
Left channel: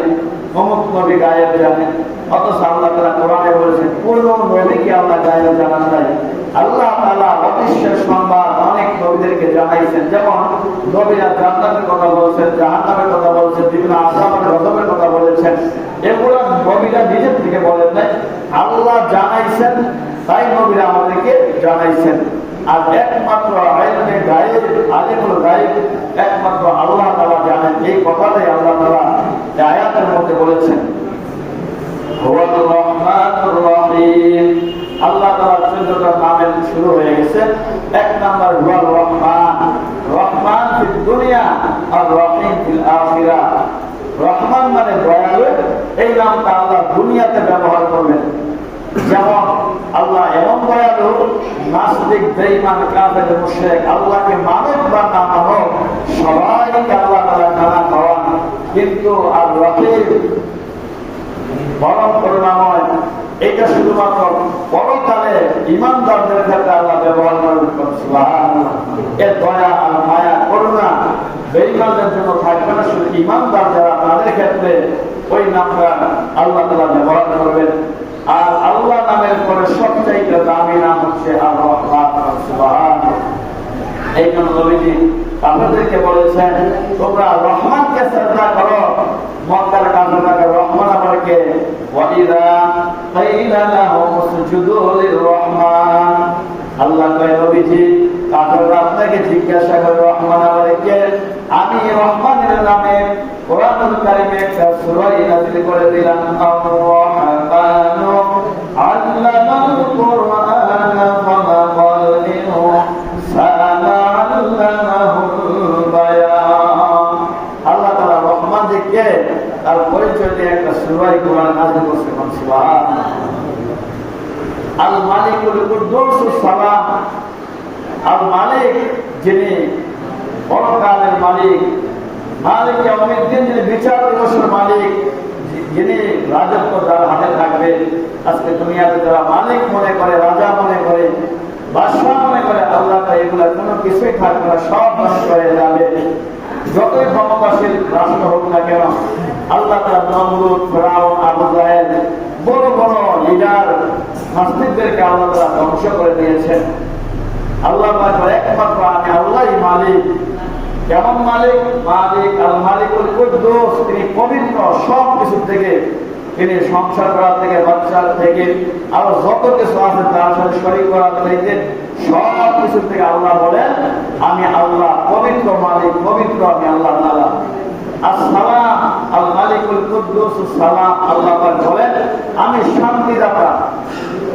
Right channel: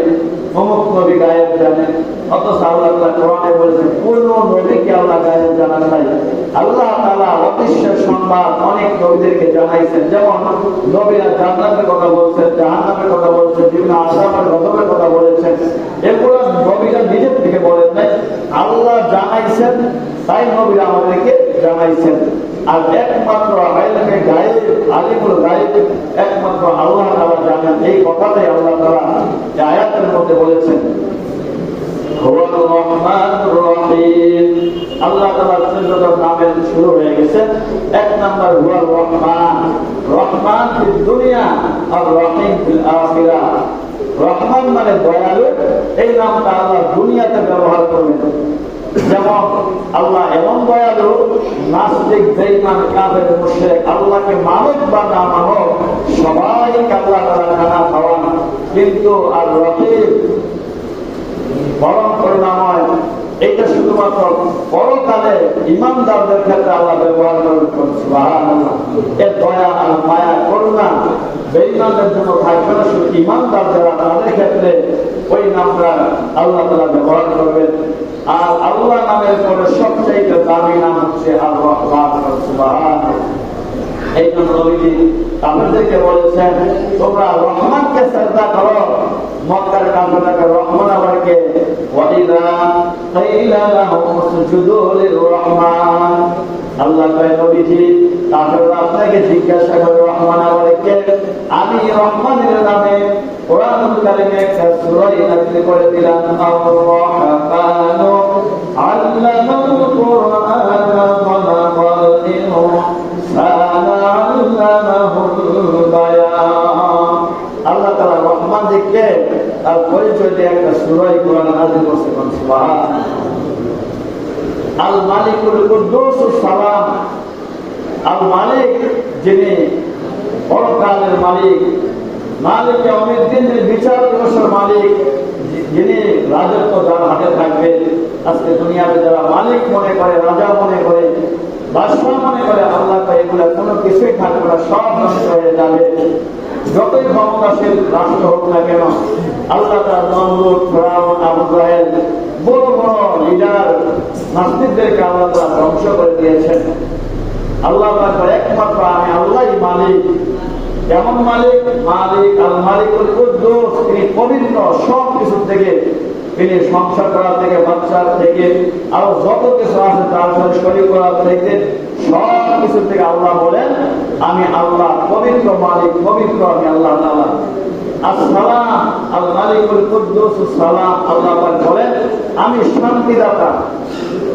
অমুক নবী গায়েব জানে, অথচ আল্লাহ তাআলা কোরআনে বলেছেন কোন নবীকে আল্লাহ গায়েব জানান নাই। আল্লাহ তাআলা অদৃশ্যের সংবাদ অনেক নবীদেরকে জানাইছেন। যেমন নবীরা জান্নাতের কথা বলছেন, জাহান্নামের কথা বলছেন, বিভিন্ন আযাবের গজবের কথা বলেছেন। এগুলো নবীরা নিজের থেকে বলেন নাই, আল্লাহ জানাইছেন, তাই নবীরা আমাদেরকে জানাইছেন। আর একমাত্র ইলমে গায়েব, আলিমুল গায়েব একমাত্র আল্লাহ তাআলা জানেন। এই কথাটাই আল্লাহ তাআলা এই আয়াতের মধ্যে বলেছেন হুয়ার রহমানুর রহিম। আল্লাহ তাআলার ১৪টা নামের শুরু হয়ে গেছে। এক নাম্বার হুয়ার রহমান, রহমান ফিদ দুনিয়া আর রহিম ফিল আখিরাহ। রহমান মানে দয়ালু, এই নামটা আল্লাহ দুনিয়াতে ব্যবহার করবেন। যেমন আল্লাহ এমন দয়ালু, নাস্তিক, বেঈমান, কাফের, মুশরিক আল্লাহকে মানুক বা না মানুক সবাইকে আল্লাহ তাআলা খানা খাওয়ান। কিন্তু আর রহিম পরম করুণাময়, এটা শুধুমাত্র পরকালে ইমানদারদের ক্ষেত্রে আল্লাহ ব্যবহার করবেন। সুবহানাল্লাহ। এর দয়া আর মায়া করুণা বেঈমানদের জন্য থাকবে না, শুধু ইমানদার যারা তাদের ক্ষেত্রে ওই নামটা আল্লাহ তাআলা ব্যবহার করবেন। আর আল্লাহ নামের পরে সবচাইতে দামি নাম হচ্ছে আর রহমান। সুবহানাল্লাহ। এই জন্য নবীজি আপনাদেরকে বলেছেন তোমরা রহমানকে শ্রদ্ধা করো। মক্কার কাফেররা রহমান আমাকে ওয়া وإذا قيل لهم اسجدوا للرحمن আল্লাহ কয় নবীজি কাফেররা আপনাকে জিজ্ঞাসা করে রহমান আল্লাহ কে? আমি রহমানের নামে কোরআনুল কারীমে একটা সূরা নাযিল করে দিলাম আর-রাহমানু আল্লামাল কুরআনা খালাকাল ইনসানা আল্লামাহুল বায়ান। আল্লাহ তাআলা রহমান দিকে তার পরিচয় দিয়ে একটা সূরা কোরআন নাযিল করছে। সুবহানাল্লাহ। আল মালিকুল কুদ্দুসুস সালাম, আল মালিক যিনি পরকালের মালিক, মালিক ইয়াউমিদ্দিন যিনি বিচার দিবসের মালিক, যিনি রাজত্ব যার হাতে থাকবে। আজকে দুনিয়াতে যারা মালিক মনে করে, রাজা মনে করে, বাদশাহ মনে করে, আল্লাহ তো এগুলা কোনো কিছুই থাকবে না, সব নষ্ট হয়ে যাবে। যতই ক্ষমতাশীল রাষ্ট্র হোক না কেন, আল্লাহ তার নমরুদ, ফিরআউন, আবু জাহেল বড় বড় লিডার নাস্তিকদেরকে আল্লাহ ধ্বংস করে দিয়েছেন। আল্লাহ একমাত্র আমি আল্লাহই মালিক। কেমন মালিক? মালিক আল মালিকুল কুদ্দুস, তিনি পবিত্র সব কিছু থেকে, তিনি সংসার করার থেকে, বাচ্চার থেকে, আরো যত কিছু আছে তার সাথে শরীক করার থেকে, সব কিছু থেকে আল্লাহ বলেন আমি আল্লাহ পবিত্র মালিক, পবিত্র আমি আল্লাহ তাআলা। আসসালাম আল মালিকুল কুদ্দুস সালাম, আল্লাহ বলেন আমি শান্তিদাতা।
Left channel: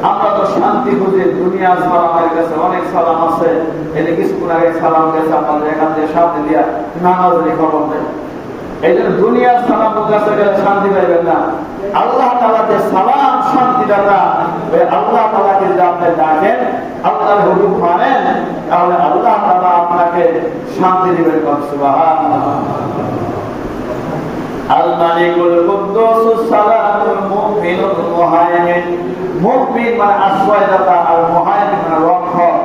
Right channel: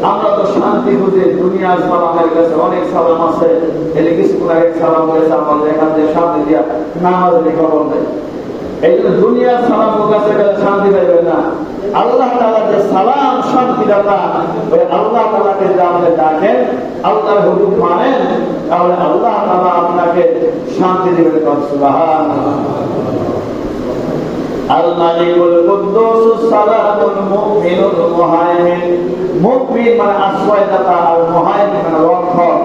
আমরা তো শান্তি খুঁজে দুনিয়া সালামের কাছে অনেক সালাম আছে, এদিকে স্কুলের সালাম গেছে আমাদের এখান থেকে শান্তি দিয়া নামাজের খবর দেয়। এই জন্য দুনিয়ার সালাম কাছে গেলে শান্তি পাইবেন না। আল্লাহ তাআলা যে সালাম শান্তিদাতা, ওই আল্লাহ তাআলাকে যদি আপনি ডাকেন, আল্লাহর হুকুম মানেন, তাহলে আল্লাহ তাআলা আপনাকে শান্তি দিবেন। সুবহানাল্লাহ। আল মালিকুল কুদ্দুস সালামুল মুমিনুল মুহাইমিন, মুমিন মানে আশ্রয়দাতা, আর মুহাইমিন মানে রক্ষক।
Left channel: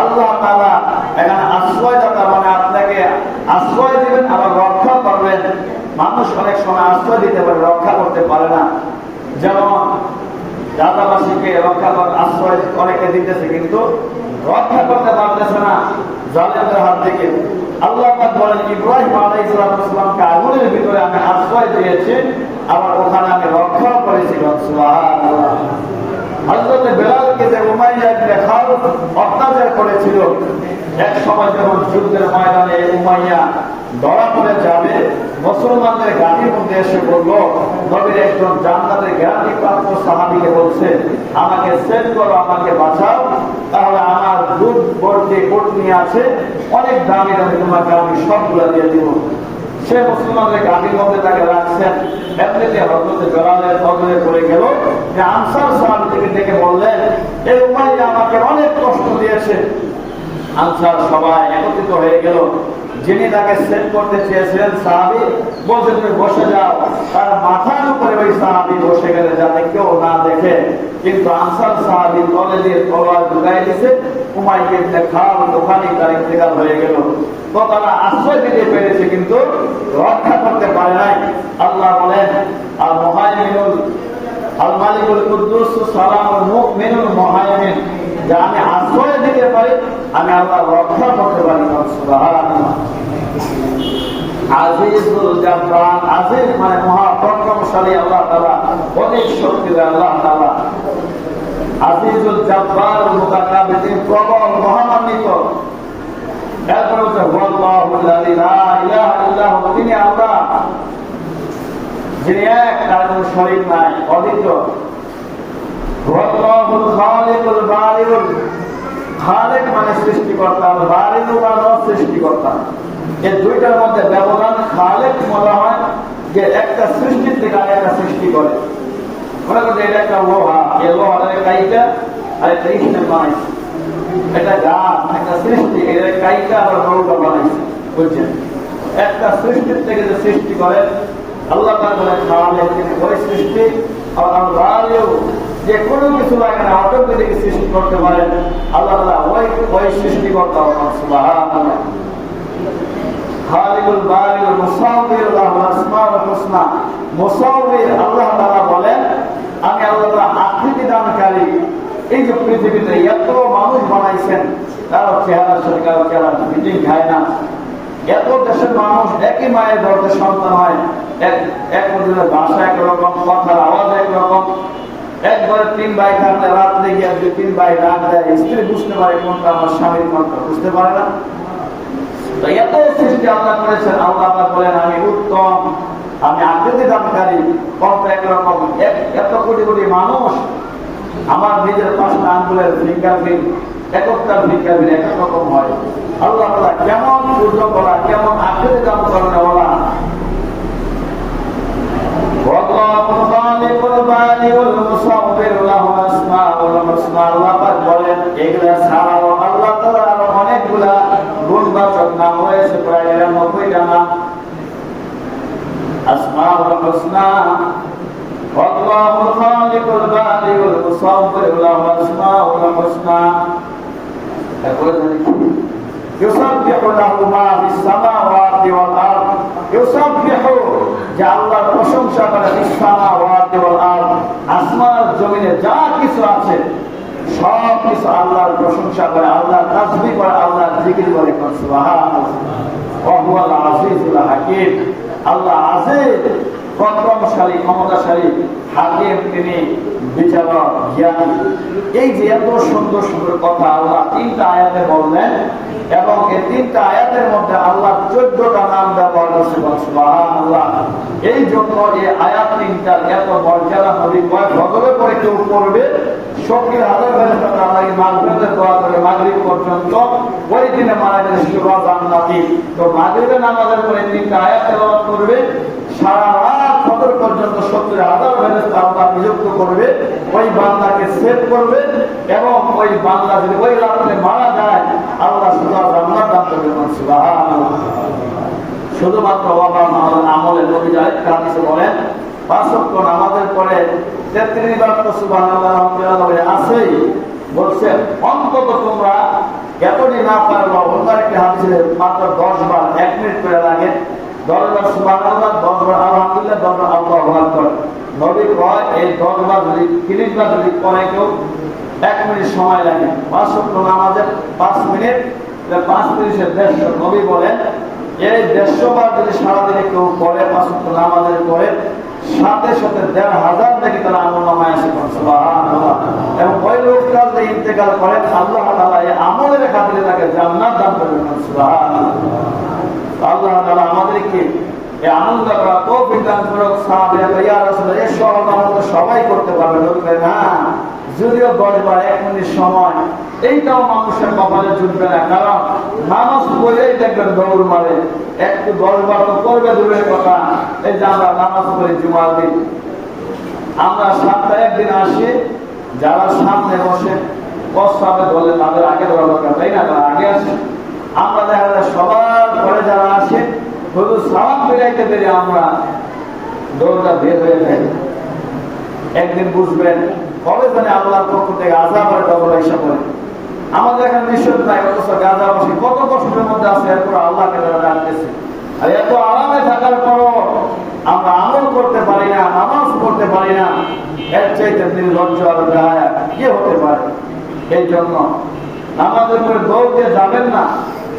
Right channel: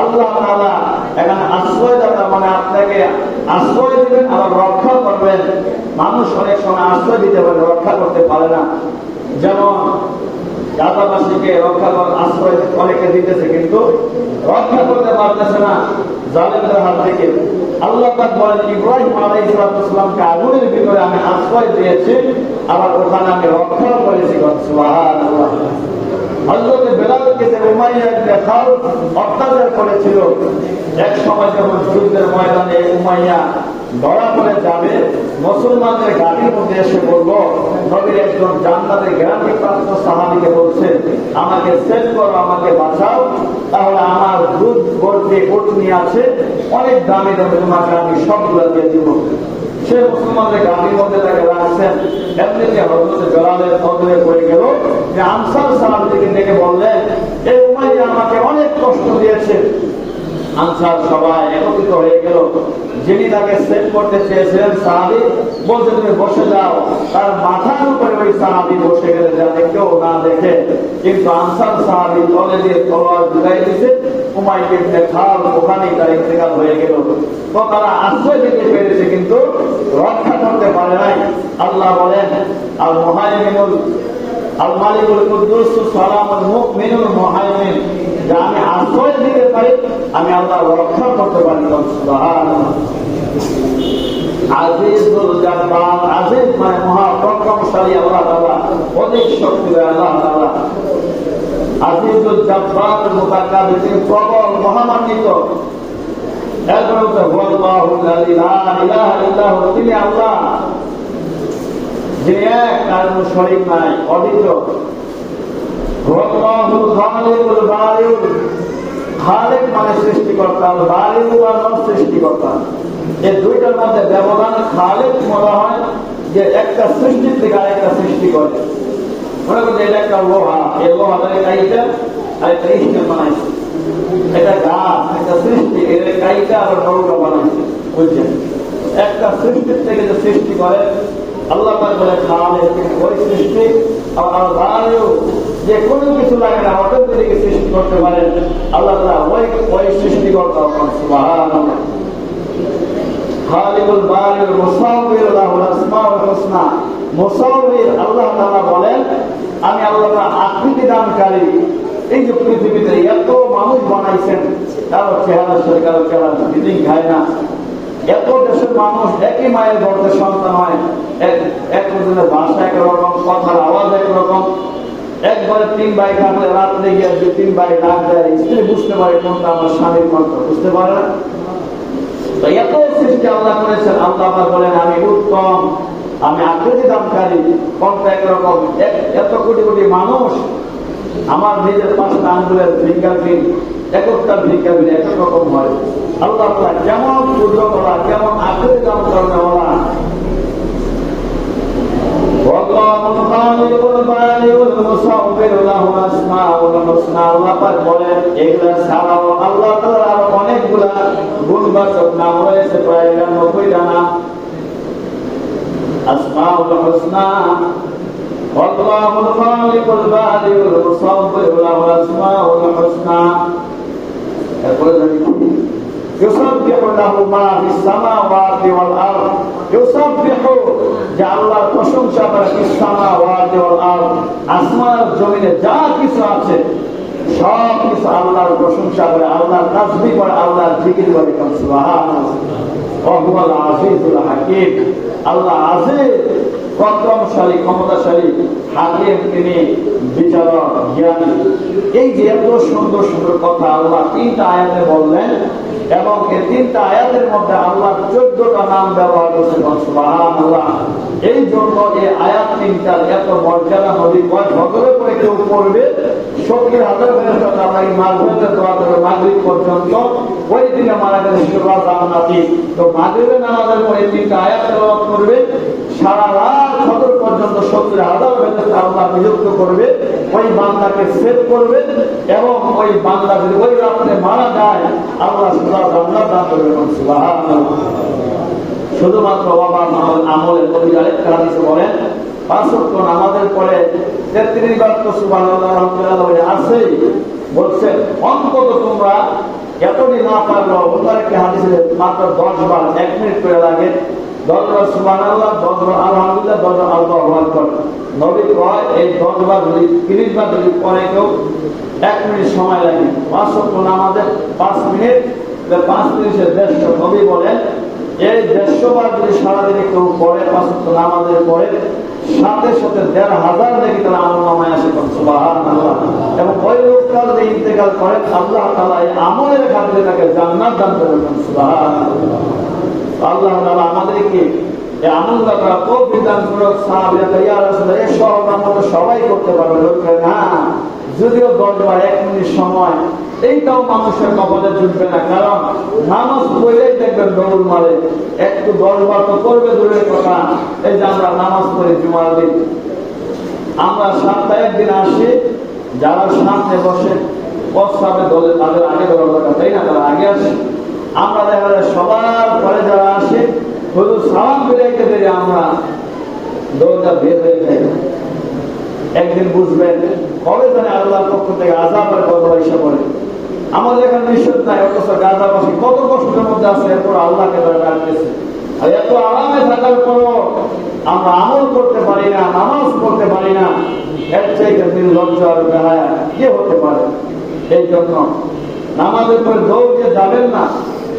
আল্লাহ তাআলা এখানে আশ্রয়দাতা মানে আপনাকে আশ্রয় দিবেন, আবার রক্ষা করবেন। মানুষ অনেক সময় আশ্রয় দিতে পারে, রক্ষা করতে পারে না। যেমন রাজাবাসীকে রক্ষা করার আশ্রয় অনেকে দিতেছে, কিন্তু রক্ষা করতে পারতেছে না জালেমদের হাত থেকে। আল্লাহ পাক বলেন ইব্রাহিম আলাইহিস সালামকে আগুনের ভিতরে আমি আশ্রয় দিয়েছি, আবার ওখানে আমি রক্ষা করেছি। সুবহানাল্লাহ। হযরত বেলালকে যে উমাইয়া ইবনে খালদ অত্যাচার করেছিল, এক সময় যখন যুদ্ধের ময়দানে উমাইয়া ধরা পড়ে যাবে, মুসলমানদের ঘাটির মধ্যে এসে বলল, নবীর একজন জান্নাতের গ্যারান্টি প্রাপ্ত সাহাবীকে বলছে আমাকে সেভ করো, আমাকে বাঁচাও, তাহলে আমার দুধ ভর্তি কোট নিয়ে আছে, অনেক দামি দামি তোমাকে আমি সবগুলো দিয়ে দিব। সে মুসলমানদের ঘাটির মধ্যে তাকে রাখছেন। এমনিতে হযরত বেলালের নজরে পড়ে গেল যে আনসার সাহাবীদেরকে ডেকে বললেন, এই উমাইয়া আমাকে অনেক কষ্ট দিয়েছে। আনসার সবাই একত্রিত হয়ে গেল। যিনি তাকে সেভ করতে চেয়েছিলেন সাহাবী বলতে তুমি বসে যাও, তার মাথার উপরে ওই সাহাবী বসে গেলে যাতে কেউ না দেখে। কিন্তু আনসার সাহাবী তলে দিয়ে তলোয়ার ঢুকাই দিছে, উমাইয়া ইবনে খালদ ওখানেই তার ইন্তেকাল হয়ে গেল। তো তারা আশ্রয় দিতে পেরেছে, কিন্তু রক্ষা করতে পারে নাই। আল্লাহ বলেন আল মুহাইমিনুল আল মালিকুল কুদ্দুস সালামুল মুমিনুল মুহাইমিন, যে আমি আশ্রয় দিতে পারি, আমি আল্লাহ রক্ষা করতে পারি। সুবহানাল্লাহ। আজিজুল জাব্বার, আজিজ মানে মহা পরাক্রমশালী আল্লাহ তাআলা, অনেক শক্তিশালী আল্লাহ তাআলা। আজিজুল জাব্বার মুতাকাব্বির, তিনি প্রবল মহামান্বিত। এরপর হচ্ছে হুয়াল্লাহু লা ইলাহা ইল্লাহু, তিনি আল্লাহ যিনি এক, তার কোনো শরীক নাই, অদ্বিতীয়। হুয়াল্লাহুল খালিকুল বারিউল, খালিক মানে সৃষ্টিকর্তা, বারিউল মানে সৃষ্টিকর্তা। এই দুইটার মধ্যে ব্যবধান। খালিক বলা হয় যে একটা সৃষ্টির থেকে আরেকটা সৃষ্টি করে। মনে করেন এটা একটা লোহা, এই লোহাটাকে কাইটা আরেকটা ইস্টে বানাইছে, এটা গাছ, একটা সৃষ্টি, এর কাইটা আবার নৌকা বানাইছে। বুঝছেন? একটা সৃষ্টির থেকে যে সৃষ্টি করে আল্লাহ পাক বলে খালিক, ওই সৃষ্টি। আর বারিউ, যে কোনো কিছু লাগে না, অটোমেটিক সৃষ্টি করতে পারেন আল্লাহ তাআলা, ওই সৃষ্টিকর্তা। সুবহানাল্লাহ। খালিকুল বারিউল মুসাউবির লাহুল আসমাউল হুসনা, মুসাউবির আল্লাহ তাআলা বলেন আমি আল্লাহ তাআলা আকৃতি দানকারী। এই যে পৃথিবীতে এত মানুষ বানাইছেন, তারা চেহারা সরকার চেহারা দিন খায় না। এত দেশের মানুষ একই মায়ের গর্ভে সন্তান হয়, এক একজনের ভাষা একরকম, কথার আওয়াজ একরকম, ঘরে 3 ভাই থাকলে রাত্রে গিয়ে যে 3 ভাই ডাক দেয়, স্ত্রী বুঝতে পারে কোনটা আমার স্বামীর কণ্ঠ, বুঝতে পারে না। তো এত সৃষ্টি আল্লাহ করেছেন, আল্লাহ আবার বলেন আমি উত্তম, আমি আকৃতি দানকারী, কণ্ঠ একরকম। এত কোটি কোটি মানুষ, আমার নিজের 5টা আঙ্গুলের ফিঙ্গারপ্রিন্ট, একটা ফিঙ্গারপ্রিন্ট এক রকম হয়। আল্লাহ কেমন পূর্ণ করা, কেমন আকৃতি দান করেন ওরা। অনেকগুলা গুণবাচক নাম রয়েছে, প্রায় 99টা নাম। আসমাউল হুসনা, আল্লাহুল খালিকুল বাদিউল মুসাব্বির, লাহু আসমাউল হুসনা। তারপরে ইউসাব্বিহু লাহু মা ফিস সামাওয়াতি ওয়াল আরদ, ইউসাব্বিহু, যে আল্লাহর প্রশংসা করে, ফিস সামাওয়াতি ওয়াল আরদ, আসমান জমিনে যা কিছু আছে সব কিছু আল্লাহর প্রশংসা করে, আল্লাহর তাসবিহ করে, আল্লাহর জিকির করে। সুবহানাল্লাহ। ওয়া হুয়াল আজিজুল হাকীম, আল্লাহ আজিজ, পরাক্রমশালী, ক্ষমতাশালী, হাকিম, তিনি বিচারক, জ্ঞানী। এই যে এত সুন্দর সুন্দর কথা আল্লাহ 3টা আয়াতে বললেন, এবং এই 3টা আয়াতের মধ্যে আল্লাহ 14টা নাম ব্যবহার করছে। সুবহানাল্লাহ। এই জন্য এই আয়াত 3টার এত মর্যাদা। নবী কয় ফজরে পরে কেউ পড়বে, 70,000 ফেরেশতা তার মাগরিবের দোয়া করে মাগরিব পর্যন্ত, ওই দিনে মারা গেলে সুরা জান্নাতি। তো মাগরিবের নামাজের পরে 3টা আয়াত তেলাওয়াত করবে, সারা রাত ফজর পর্যন্ত 70,000 ফেরেশতা আল্লাহ নিযুক্ত করবে, ওই বান্দাকে সেভ করবে, এবং ওই বান্দা যদি ওই রাতে মারা যায় আল্লাহ সুরা জান্নাত দান করবেন। সুবহানাল্লাহ। শুধুমাত্র আমলের নবী আরেকটা হাদিসে বলেন, 5 ওয়াক্ত নামাজের পরে 33 বার তো সুবহানাল্লাহ আলহামদুলিল্লাহ আছেই। বলছে অন্তত তোমরা এতদিন না পারলো, অন্য একটা হাদিসে মাত্র 10 বার, 1 মিনিট করে লাগে। 10 বার সুবহানাল্লাহ, 10 বার আলহামদুলিল্লাহ, 10 বার আল্লাহু আকবার। নবী কয় এই 10 বার যদি 30 বার যদি পরে কেউ 1 মিনিট সময় লাগে। 5 ওয়াক্ত নামাজের 5 মিনিট, 5 মিনিটে 150। নবী বলেন এই 150 বার যদি সারাদিনে কেউ পড়ে 5 ওয়াক্ত নামাজের পরে, সাথে সাথে 1,500 নাকি তার আমলনামায় আসে। সুবহানাল্লাহ। এবং ওই লোকটা যদি ইন্তেকাল করে, আল্লাহ তাআলা এই আমলের খাতিরে তাকে জান্নাত দান করবেন। সুবহানাল্লাহ। আল্লাহ তাআলা আমাদেরকে এই আমলটা করা তৌফিক দান করুন। সাহাবীরা কয় ইয়া রাসূলুল্লাহ, এই সব আমল সবাই করতে পারবে? লোক কয় না, যদিও 10 বার 1 মিনিট সময়, এইটাও মানুষের কপালে জুটবে না। কারণ নামাজ পড়লেই দেখবেন দৌড় মারে, একটু 10 বার তো করবে দূরের কথা। এই যে আমরা নামাজ পড়ি জুমার দিন, আমরা সপ্তাহে একদিন আসি, যারা সামনে বসে প্রস্রাবে দলে তাদের আগে দৌড়া দরকার, তাই না? তারা আগে আসে। আমরা দেখা যায় সবার পরে যারা আসে, শুধু সালাম ফিরাইতে পেরে আমরা দৌড়টা বের হয়ে থাকি। একদিন বুঝবেন কবে জানে আল্লাহর পক্ষ থেকে আযাব আর গজব এসে পড়ে। আমাদের এখানে নিষেধ নাই, অথচ গাজাবাসী কত কষ্টের মধ্যে আছে, এরপর আল্লাহকে তারা ডাকতেছে। আর এত আরামে থাকার পরও আমরা আমল করতে পারি না, নামাজ পড়তে পারি না, এর চাইতে দিন লজ্জা আর গায়ে কি হতে পারে? এই জন্য নামাজের পরে দৌড় দিয়ে যাবেন না,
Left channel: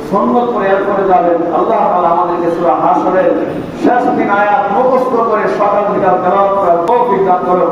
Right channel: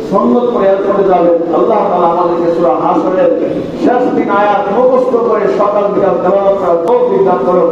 সুন্নত করে এরপরে যাবেন। আল্লাহ তাআলা আমাদেরকে সূরা হাশরের শেষ 3 আয়াত মুখস্থ করে সকাল বিকাল তেলাওয়াত করার তৌফিক দান করুন।